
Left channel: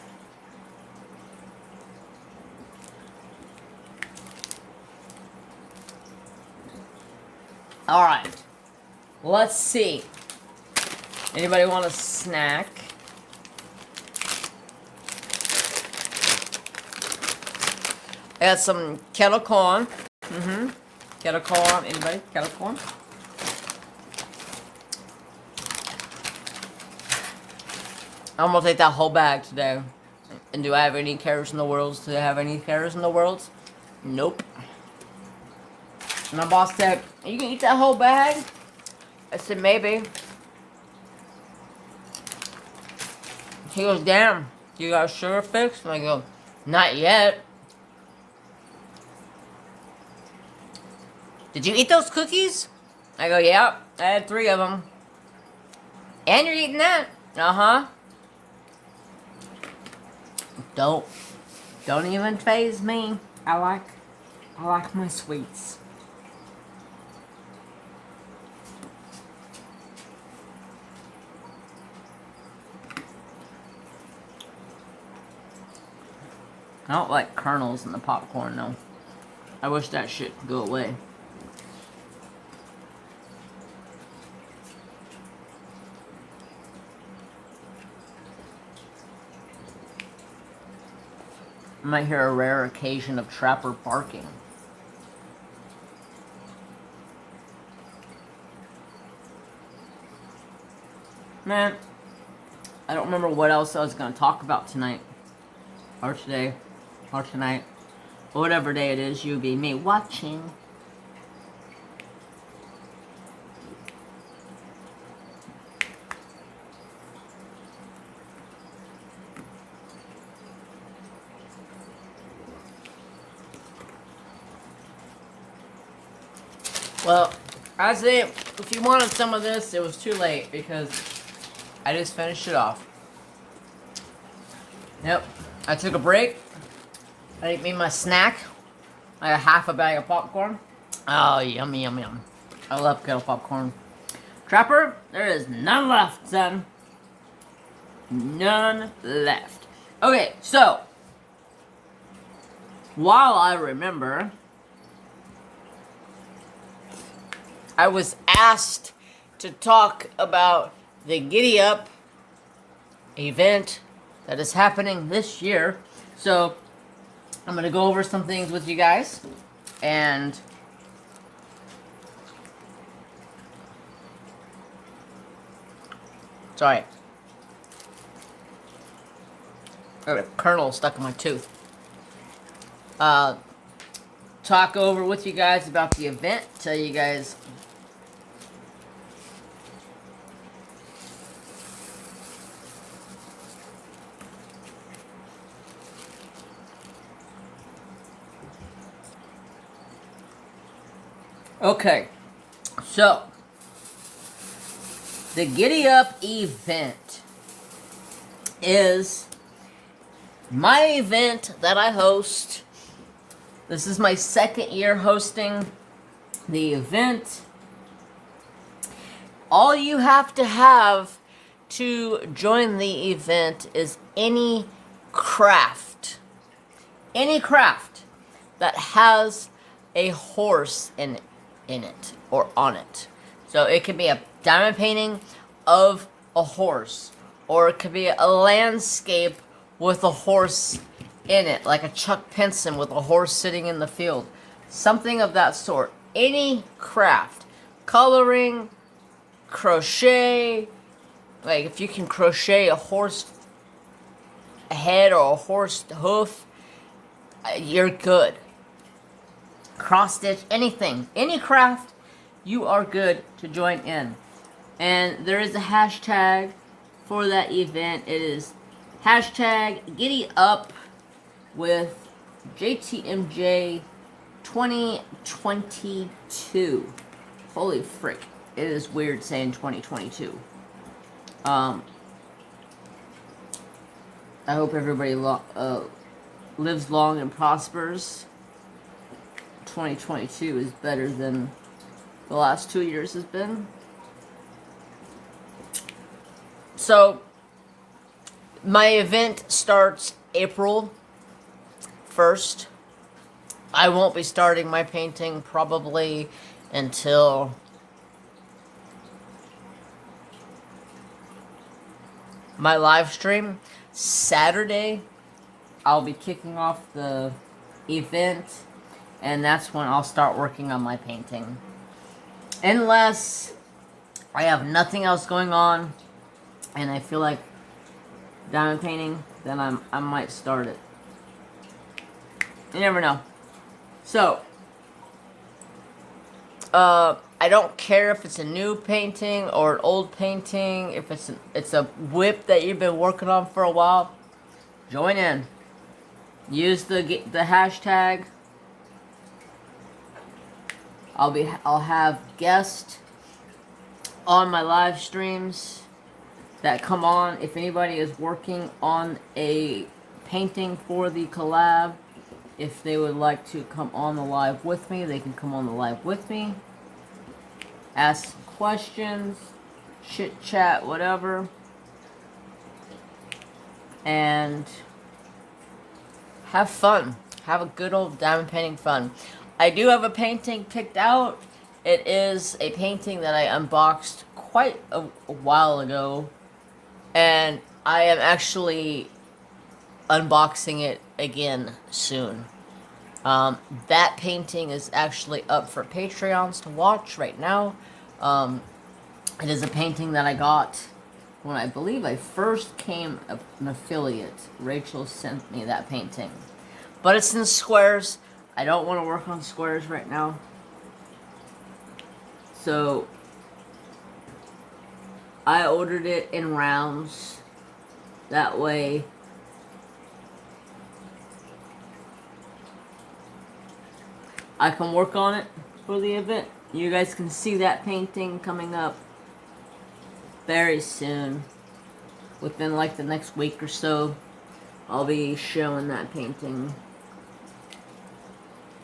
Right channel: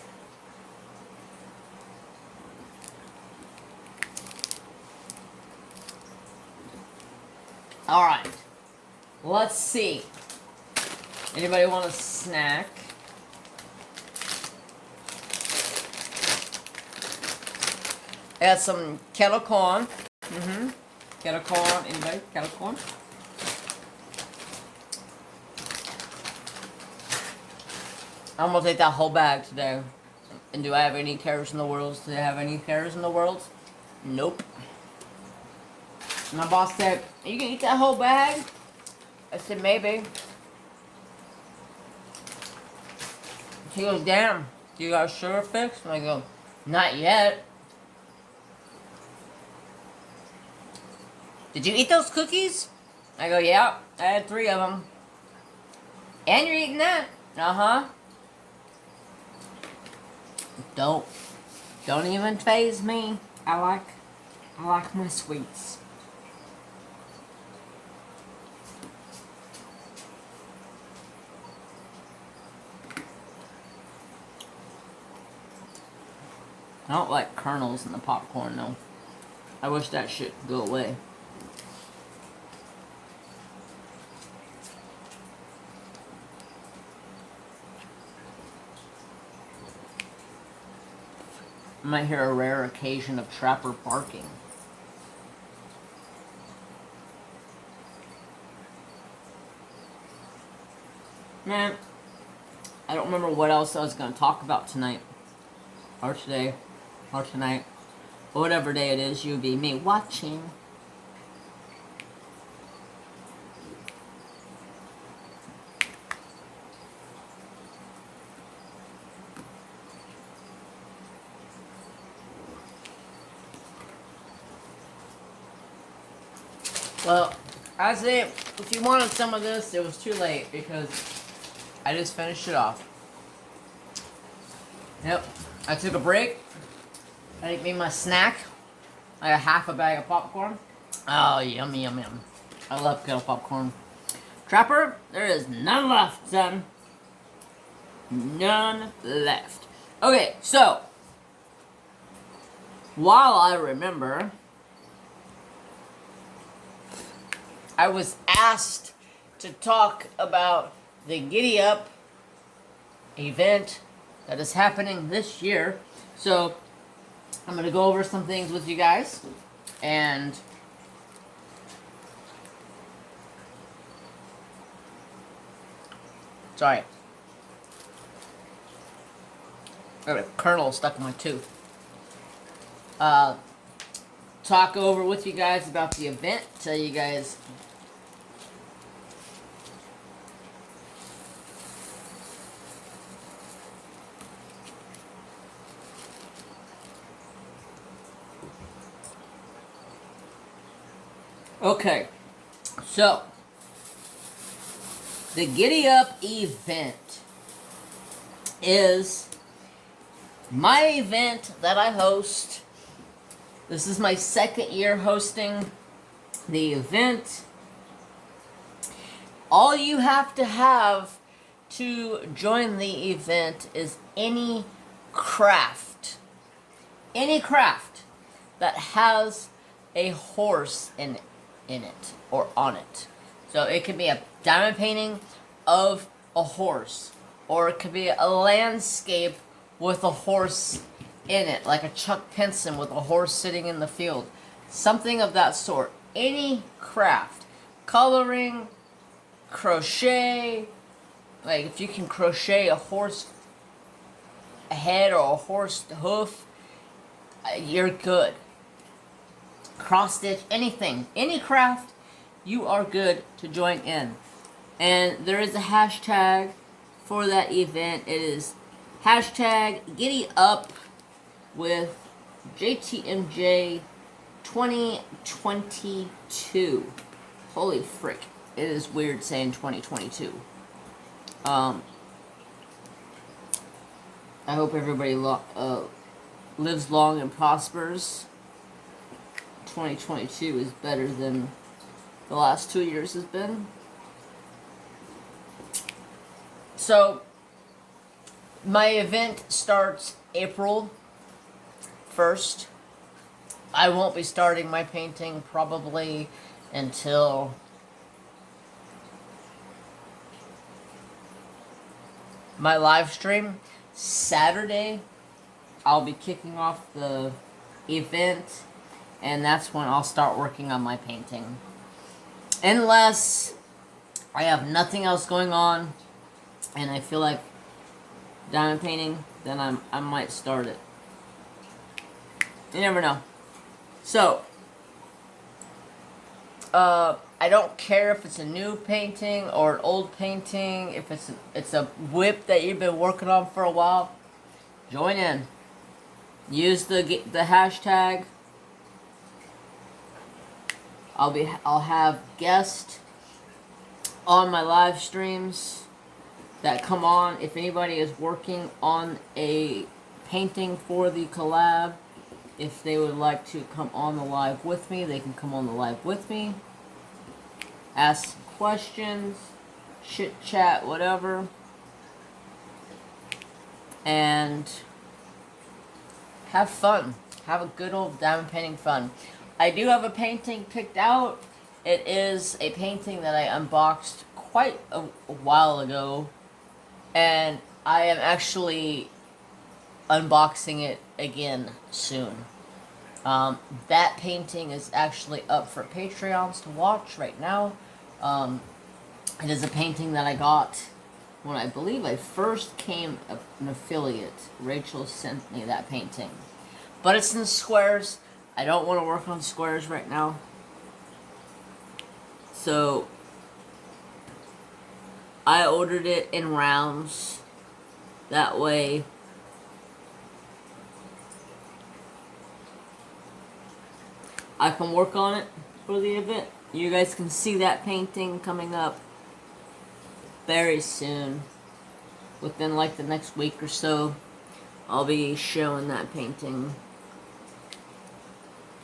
All right. Let's see. Anybody want a snack? I got some kettle corn. Kettle corn. Anybody? Kettle corn? I'm gonna take that whole bag today. And do I have any cares in the world? Do I have any cares in the world? Nope. My boss said, "You can eat that whole bag?" I said, "Maybe." He goes, "Damn, you got a sugar fix?" And I go, "Not yet." "Did you eat those cookies?" I go, "Yeah, I had 3 of them." "And you're eating that?" "Uh-huh." Don't even faze me. I like my sweets. I don't like kernels in the popcorn though. I wish that shit could go away. I might hear a rare occasion of Trapper barking. Man, I don't remember what else I was going to talk about tonight. Or today. Or tonight. Or whatever day it is you'll be me watching. Well, I say, if you wanted some of this, it was too late because I just finished it off. Yep, I took a break. I ate me my snack. I got half a bag of popcorn. Oh, yummy, yum, yum. I love kettle popcorn. Trapper, there is none left, son. None left. Okay, so, while I remember, I was asked to talk about the Giddy Up event that is happening this year. So, I'm going to go over some things with you guys. And sorry. I got a kernel stuck in my tooth. Talk over with you guys about the event. Tell you guys okay, so the Giddy Up event is my event that I host. This is my 2nd year hosting the event. All you have to join the event is any craft that has a horse in it or on it. So it could be a diamond painting of a horse, or it could be a landscape with a horse in it, like a Chuck Pinson with a horse sitting in the field. Something of that sort. Any craft. Coloring, crochet. Like if you can crochet a horse head or a horse hoof, you're good. Cross stitch, anything. Any craft, you are good to join in. And there is a hashtag for that event. It is hashtag Giddy Up with JTMJ 2022. Holy frick. It is weird saying 2022. I hope everybody lives long and prospers. 2022 is better than the last 2 years has been. So, my event starts April 1st. I won't be starting my painting probably until my live stream. Saturday, I'll be kicking off the event, and that's when I'll start working on my painting. Unless I have nothing else going on, and I feel like diamond painting, then I might start it. You never know. So, I don't care if it's a new painting or an old painting. If it's a whip that you've been working on for a while, join in. Use the hashtag. I'll have guests on my live streams that come on. If anybody is working on a painting for the collab, if they would like to come on the live with me, they can come on the live with me. Ask questions, chit chat, whatever. And have fun. Have a good old diamond painting fun. I do have a painting picked out. It is a painting that I unboxed quite a while ago. And I am actually unboxing it again soon. That painting is actually up for Patreons to watch right now. It is a painting that I got when I believe I first became an affiliate. Rachel sent me that painting. But it's in squares. I don't want to work on squares right now. So I ordered it in rounds. That way I can work on it for the event. You guys can see that painting coming up very soon. Within like the next week or so, I'll be showing that painting.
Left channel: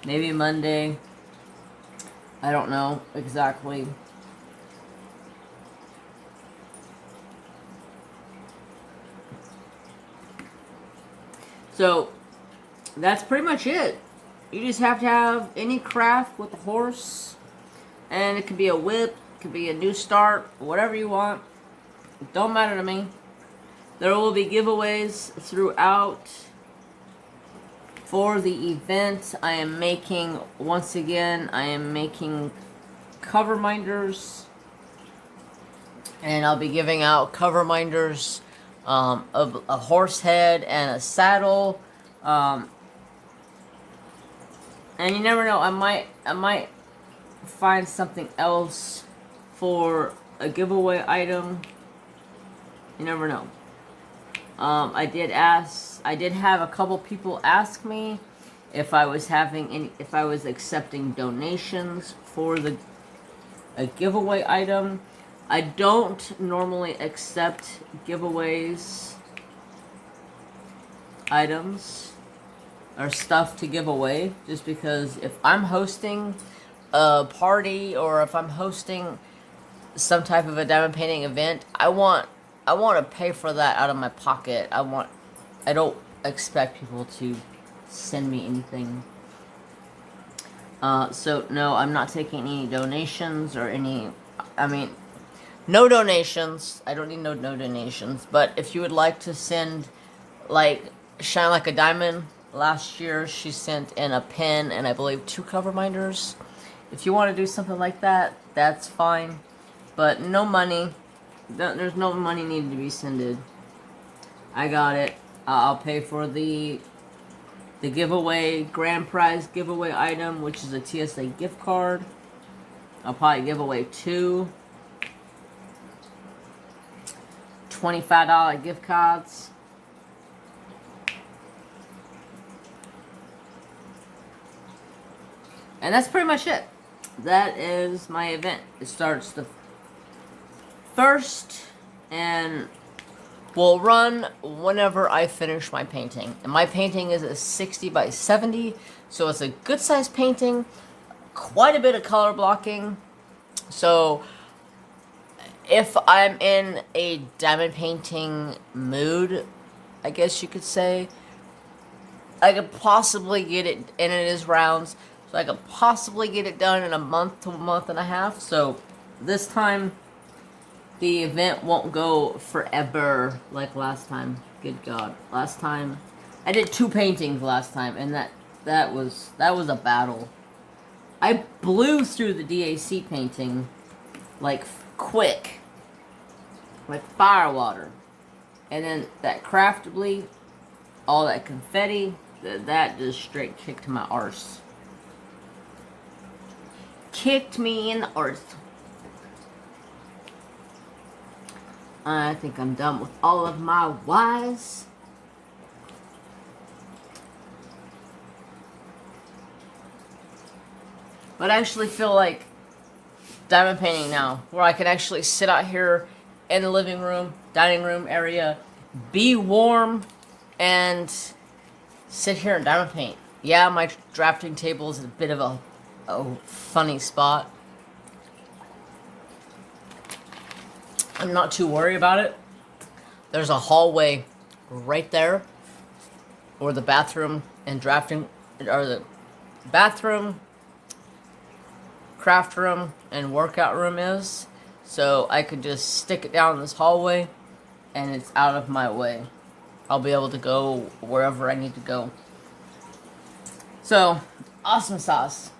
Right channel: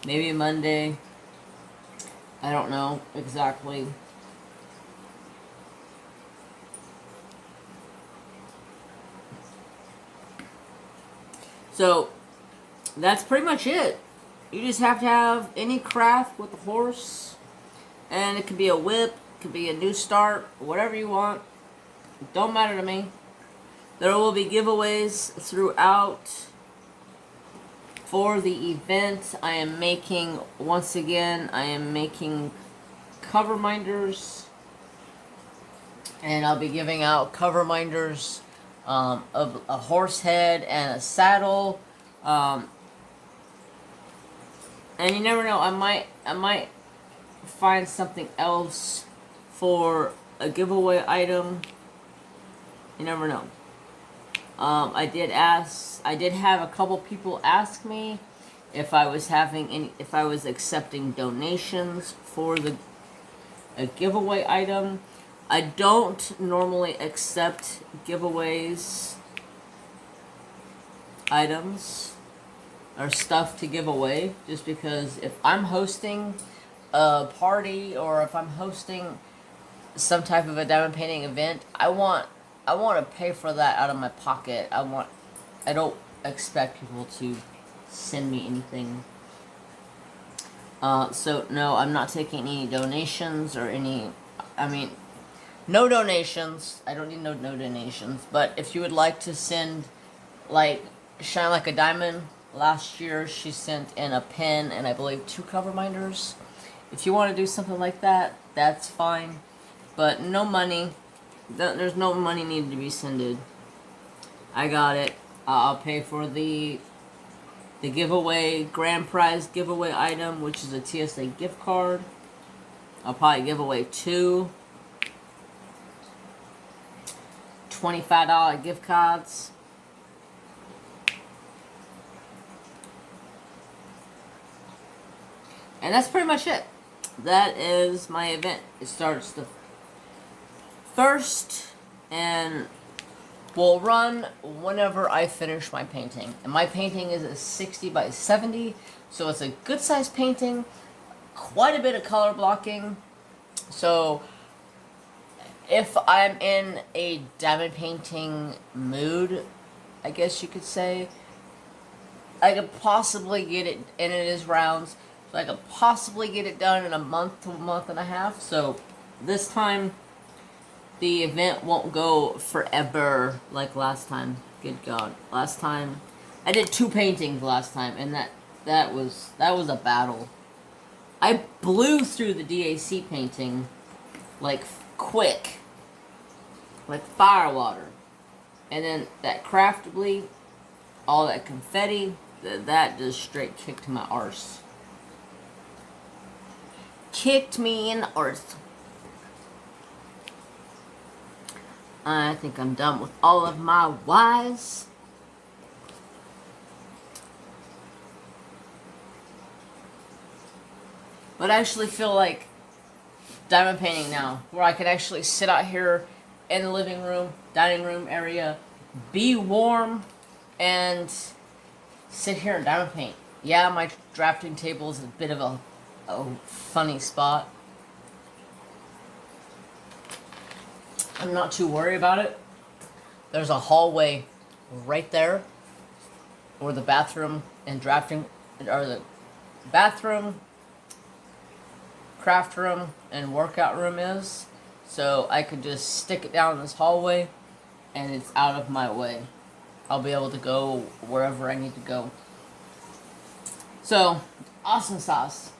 Maybe Monday. I don't know exactly. So, that's pretty much it. You just have to have any craft with a horse. And it could be a whip, it could be a new start, whatever you want. It don't matter to me. There will be giveaways throughout for the event. I am making, once again, I am making cover minders. And I'll be giving out cover minders of a horse head and a saddle. And you never know, I might find something else for a giveaway item. You never know. I did have a couple people ask me if I was accepting donations for a giveaway item. I don't normally accept giveaways, items, or stuff to give away, just because if I'm hosting a party or if I'm hosting some type of a diamond painting event, I want to pay for that out of my pocket. I don't expect people to send me anything. So no, I'm not taking any donations or no donations. I don't need no donations. But if you would like to send, like, Shine Like a Diamond, last year she sent in a pen and I believe 2 cover minders. If you want to do something like that, that's fine. But no money. There's no money needed to be sent. I got it. I'll pay for the giveaway, grand prize giveaway item, which is a TSA gift card. I'll probably give away 2 $25 gift cards. And that's pretty much it. That is my event. It starts the 1st and will run whenever I finish my painting. And my painting is a 60 by 70, so it's a good size painting. Quite a bit of color blocking. So if I'm in a diamond painting mood, I guess you could say, I could possibly get it, and it is rounds, so I could possibly get it done in a month to a month and a half. So this time, the event won't go forever like last time. Good God. Last time, I did 2 paintings last time, and that was a battle. I blew through the DAC painting, like, quick. Like fire water. And then that craftably, all that confetti, that just straight kicked my arse. Kicked me in the arse. I think I'm done with all of my Ys. But I actually feel like diamond painting now, where I can actually sit out here in the living room, dining room area, be warm, and sit here and diamond paint. Yeah, my drafting table is a bit of a funny spot. I'm not too worried about it. There's a hallway right there where the bathroom and drafting, or the bathroom, craft room, and workout room is. So I could just stick it down this hallway and it's out of my way. I'll be able to go wherever I need to go. So, awesome sauce.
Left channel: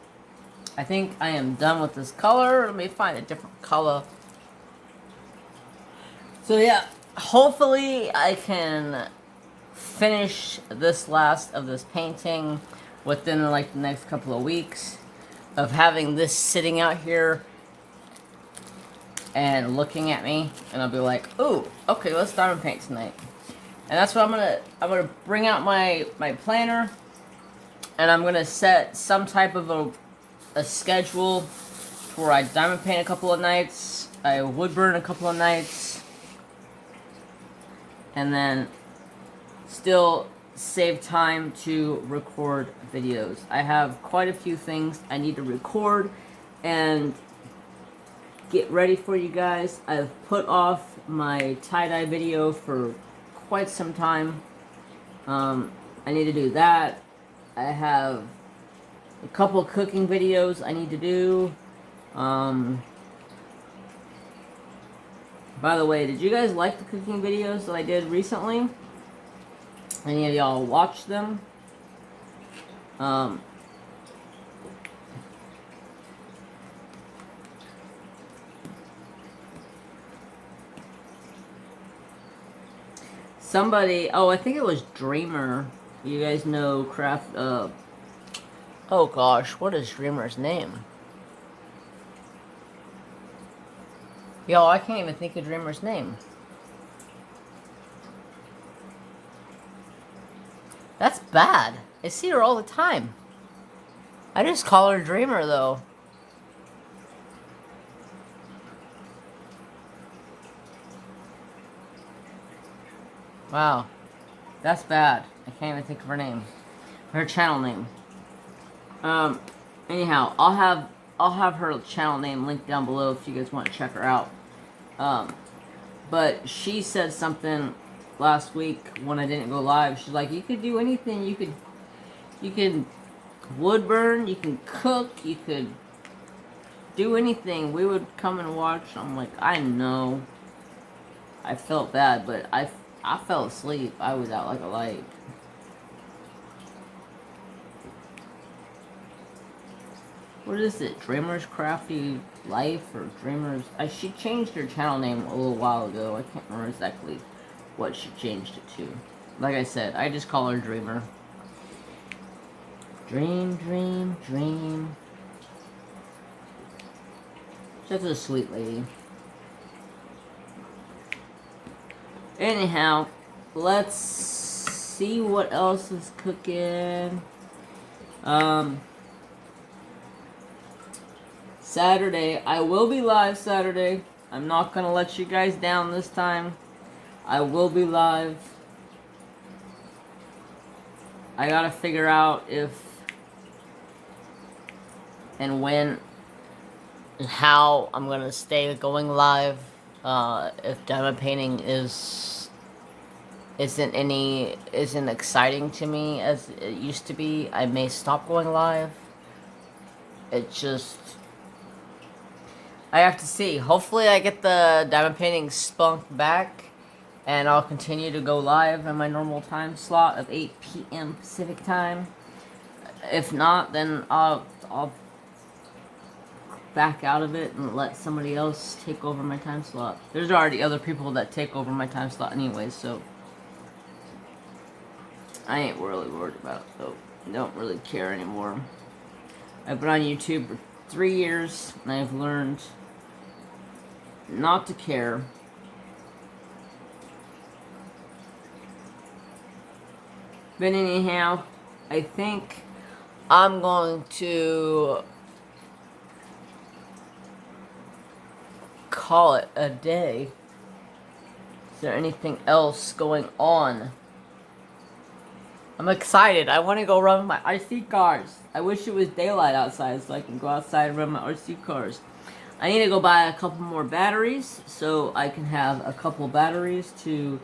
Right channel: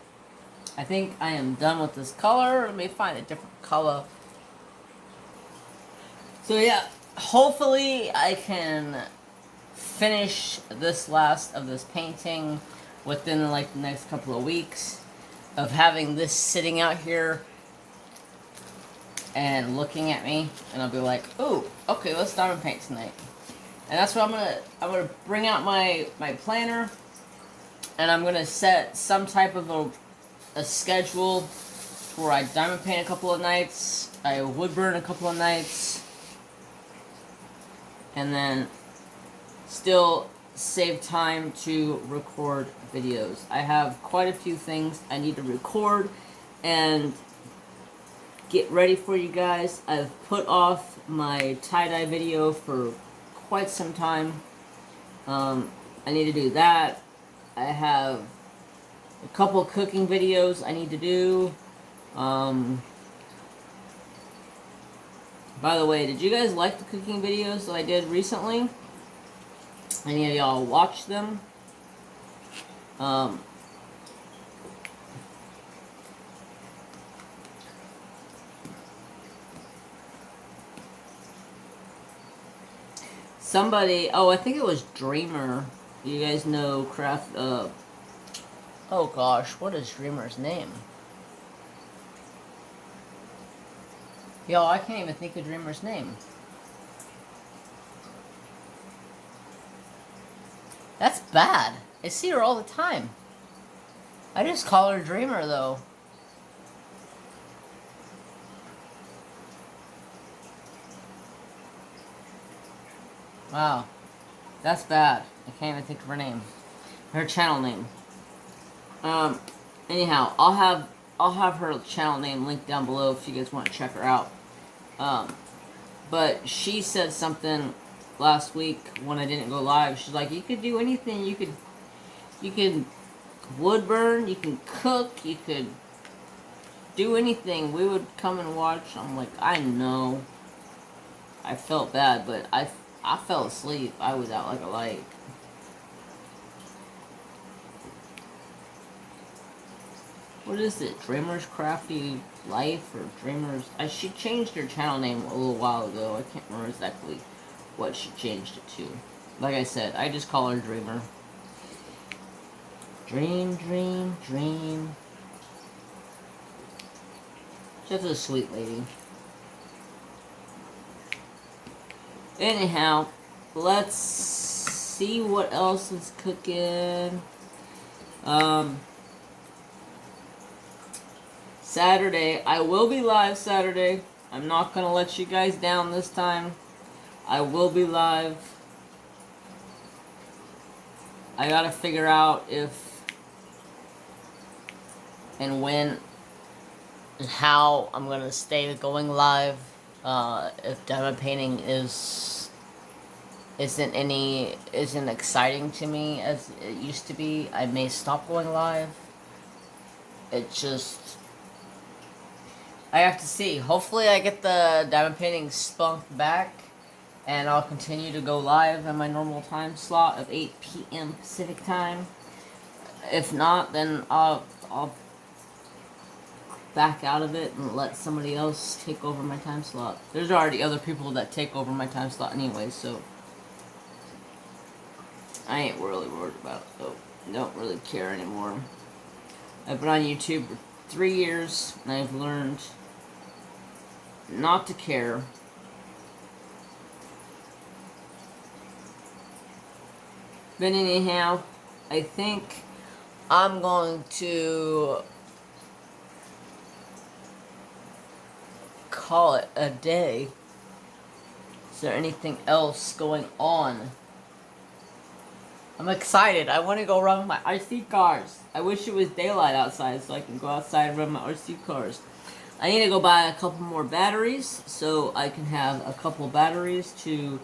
I think I am done with this color. Let me find a different color. So yeah, hopefully I can finish this last of this painting within like the next couple of weeks of having this sitting out here and looking at me, and I'll be like, "Ooh, okay, let's diamond paint tonight." And that's what I'm gonna bring out my planner, and I'm gonna set some type of a schedule where I diamond paint a couple of nights, I wood burn a couple of nights, and then still save time to record videos. I have quite a few things I need to record and get ready for you guys. I've put off my tie-dye video for quite some time. I need to do that. I have a couple cooking videos I need to do. By the way, did you guys like the cooking videos that I did recently? Any of y'all watch them? Somebody, oh, I think it was Dreamer. You guys know craft, oh gosh, what is Dreamer's name? Yo, I can't even think of Dreamer's name. That's bad. I see her all the time. I just call her Dreamer, though. Wow. That's bad. I can't even think of her name. Her channel name. Anyhow, I'll have her channel name linked down below if you guys want to check her out. But she said something last week when I didn't go live. She's like, you could do anything. You can wood burn, you can cook, you could do anything. We would come and watch. I'm like, I know. I felt bad, but I fell asleep. I was out like a light. What is it? Dreamer's Crafty Life or Dreamer's... she changed her channel name a little while ago. I can't remember exactly what she changed it to. Like I said, I just call her Dreamer. Dream, dream, dream. Such a sweet lady. Anyhow, let's see what else is cooking. Saturday. I will be live Saturday. I'm not going to let you guys down this time. I will be live. I got to figure out if and when and how I'm going to stay going live. If diamond painting isn't exciting to me as it used to be, I may stop going live. It's just, I have to see. Hopefully I get the diamond painting spunk back, and I'll continue to go live in my normal time slot of 8 p.m. Pacific time. If not, then I'll back out of it and let somebody else take over my time slot. There's already other people that take over my time slot anyway, so I ain't really worried about it, though. Don't really care anymore. I've been on YouTube for 3 years, and I've learned not to care. But anyhow, I think I'm going to call it a day. Is there anything else going on? I'm excited. I want to go run my RC cars. I wish it was daylight outside so I can go outside and run my RC cars. I need to go buy a couple more batteries so I can have a couple batteries to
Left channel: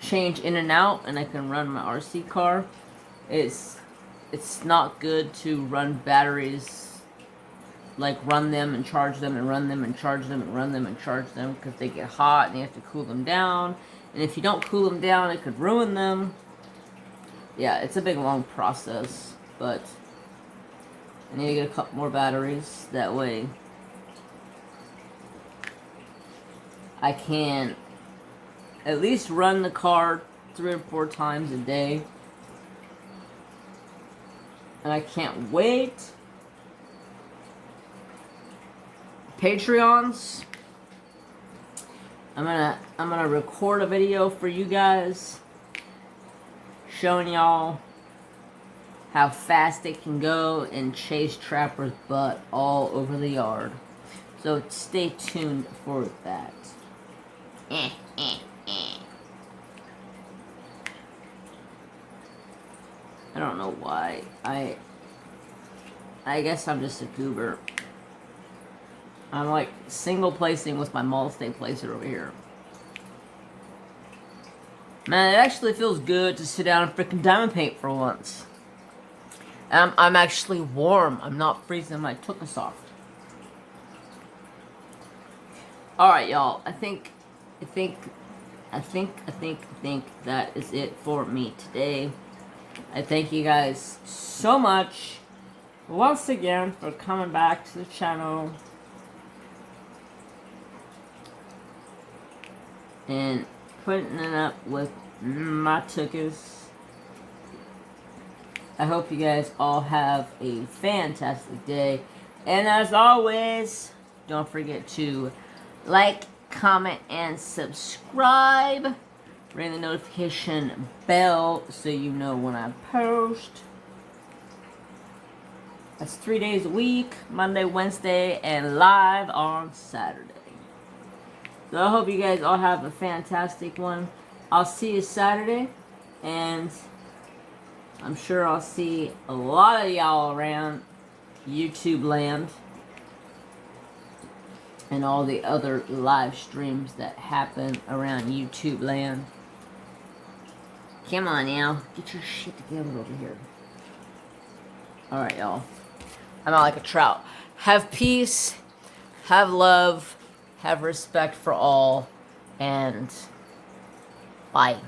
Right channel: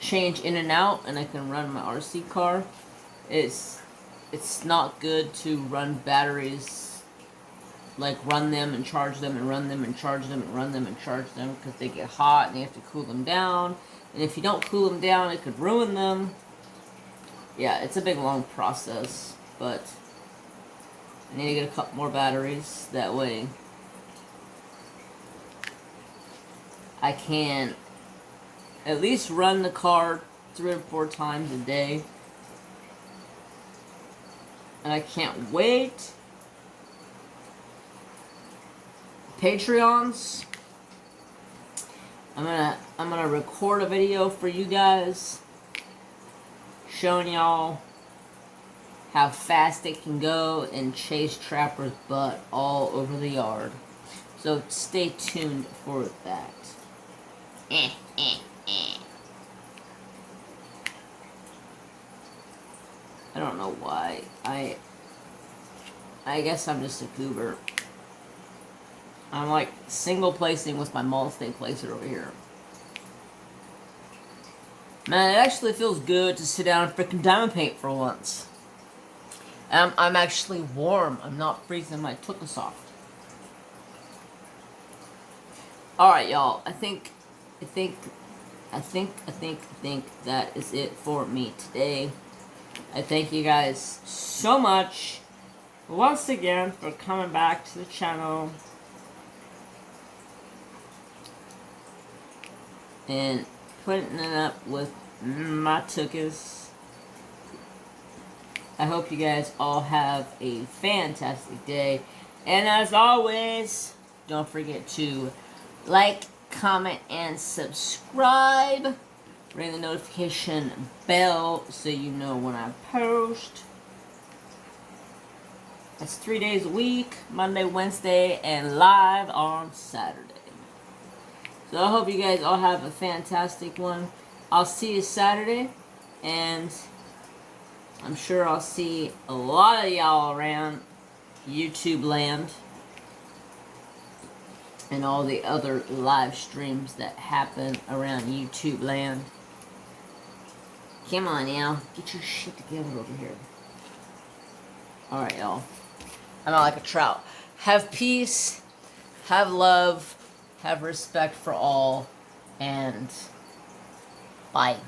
change in and out, and I can run my RC car. It's not good to run batteries, like run them and charge them and run them and charge them and run them and charge them, because they get hot and you have to cool them down. And if you don't cool them down, it could ruin them. Yeah, it's a big long process, but I need to get a couple more batteries. That way I can at least run the car 3 or 4 times a day. And I can't wait. Patreons, I'm gonna record a video for you guys showing y'all how fast it can go and chase Trapper's butt all over the yard. So stay tuned for that. I don't know why. I guess I'm just a goober. I'm like single placing with my multi placer over here. Man, it actually feels good to sit down and freaking diamond paint for once. I'm actually warm. I'm not freezing my tuchus off. Alright, y'all. I think that is it for me today. I thank you guys so much once again for coming back to the channel and putting it up with my tuchus. I hope you guys all have a fantastic day. And as always, don't forget to like, comment, and subscribe. Ring the notification bell so you know when I post. That's 3 days a week, Monday, Wednesday, and live on Saturday. So I hope you guys all have a fantastic one. I'll see you Saturday, and I'm sure I'll see a lot of y'all around YouTube land and all the other live streams that happen around YouTube land. Come on now, get your shit together over here. Alright, y'all. I'm out like a trout. Have peace, have love, have respect for all, and bye.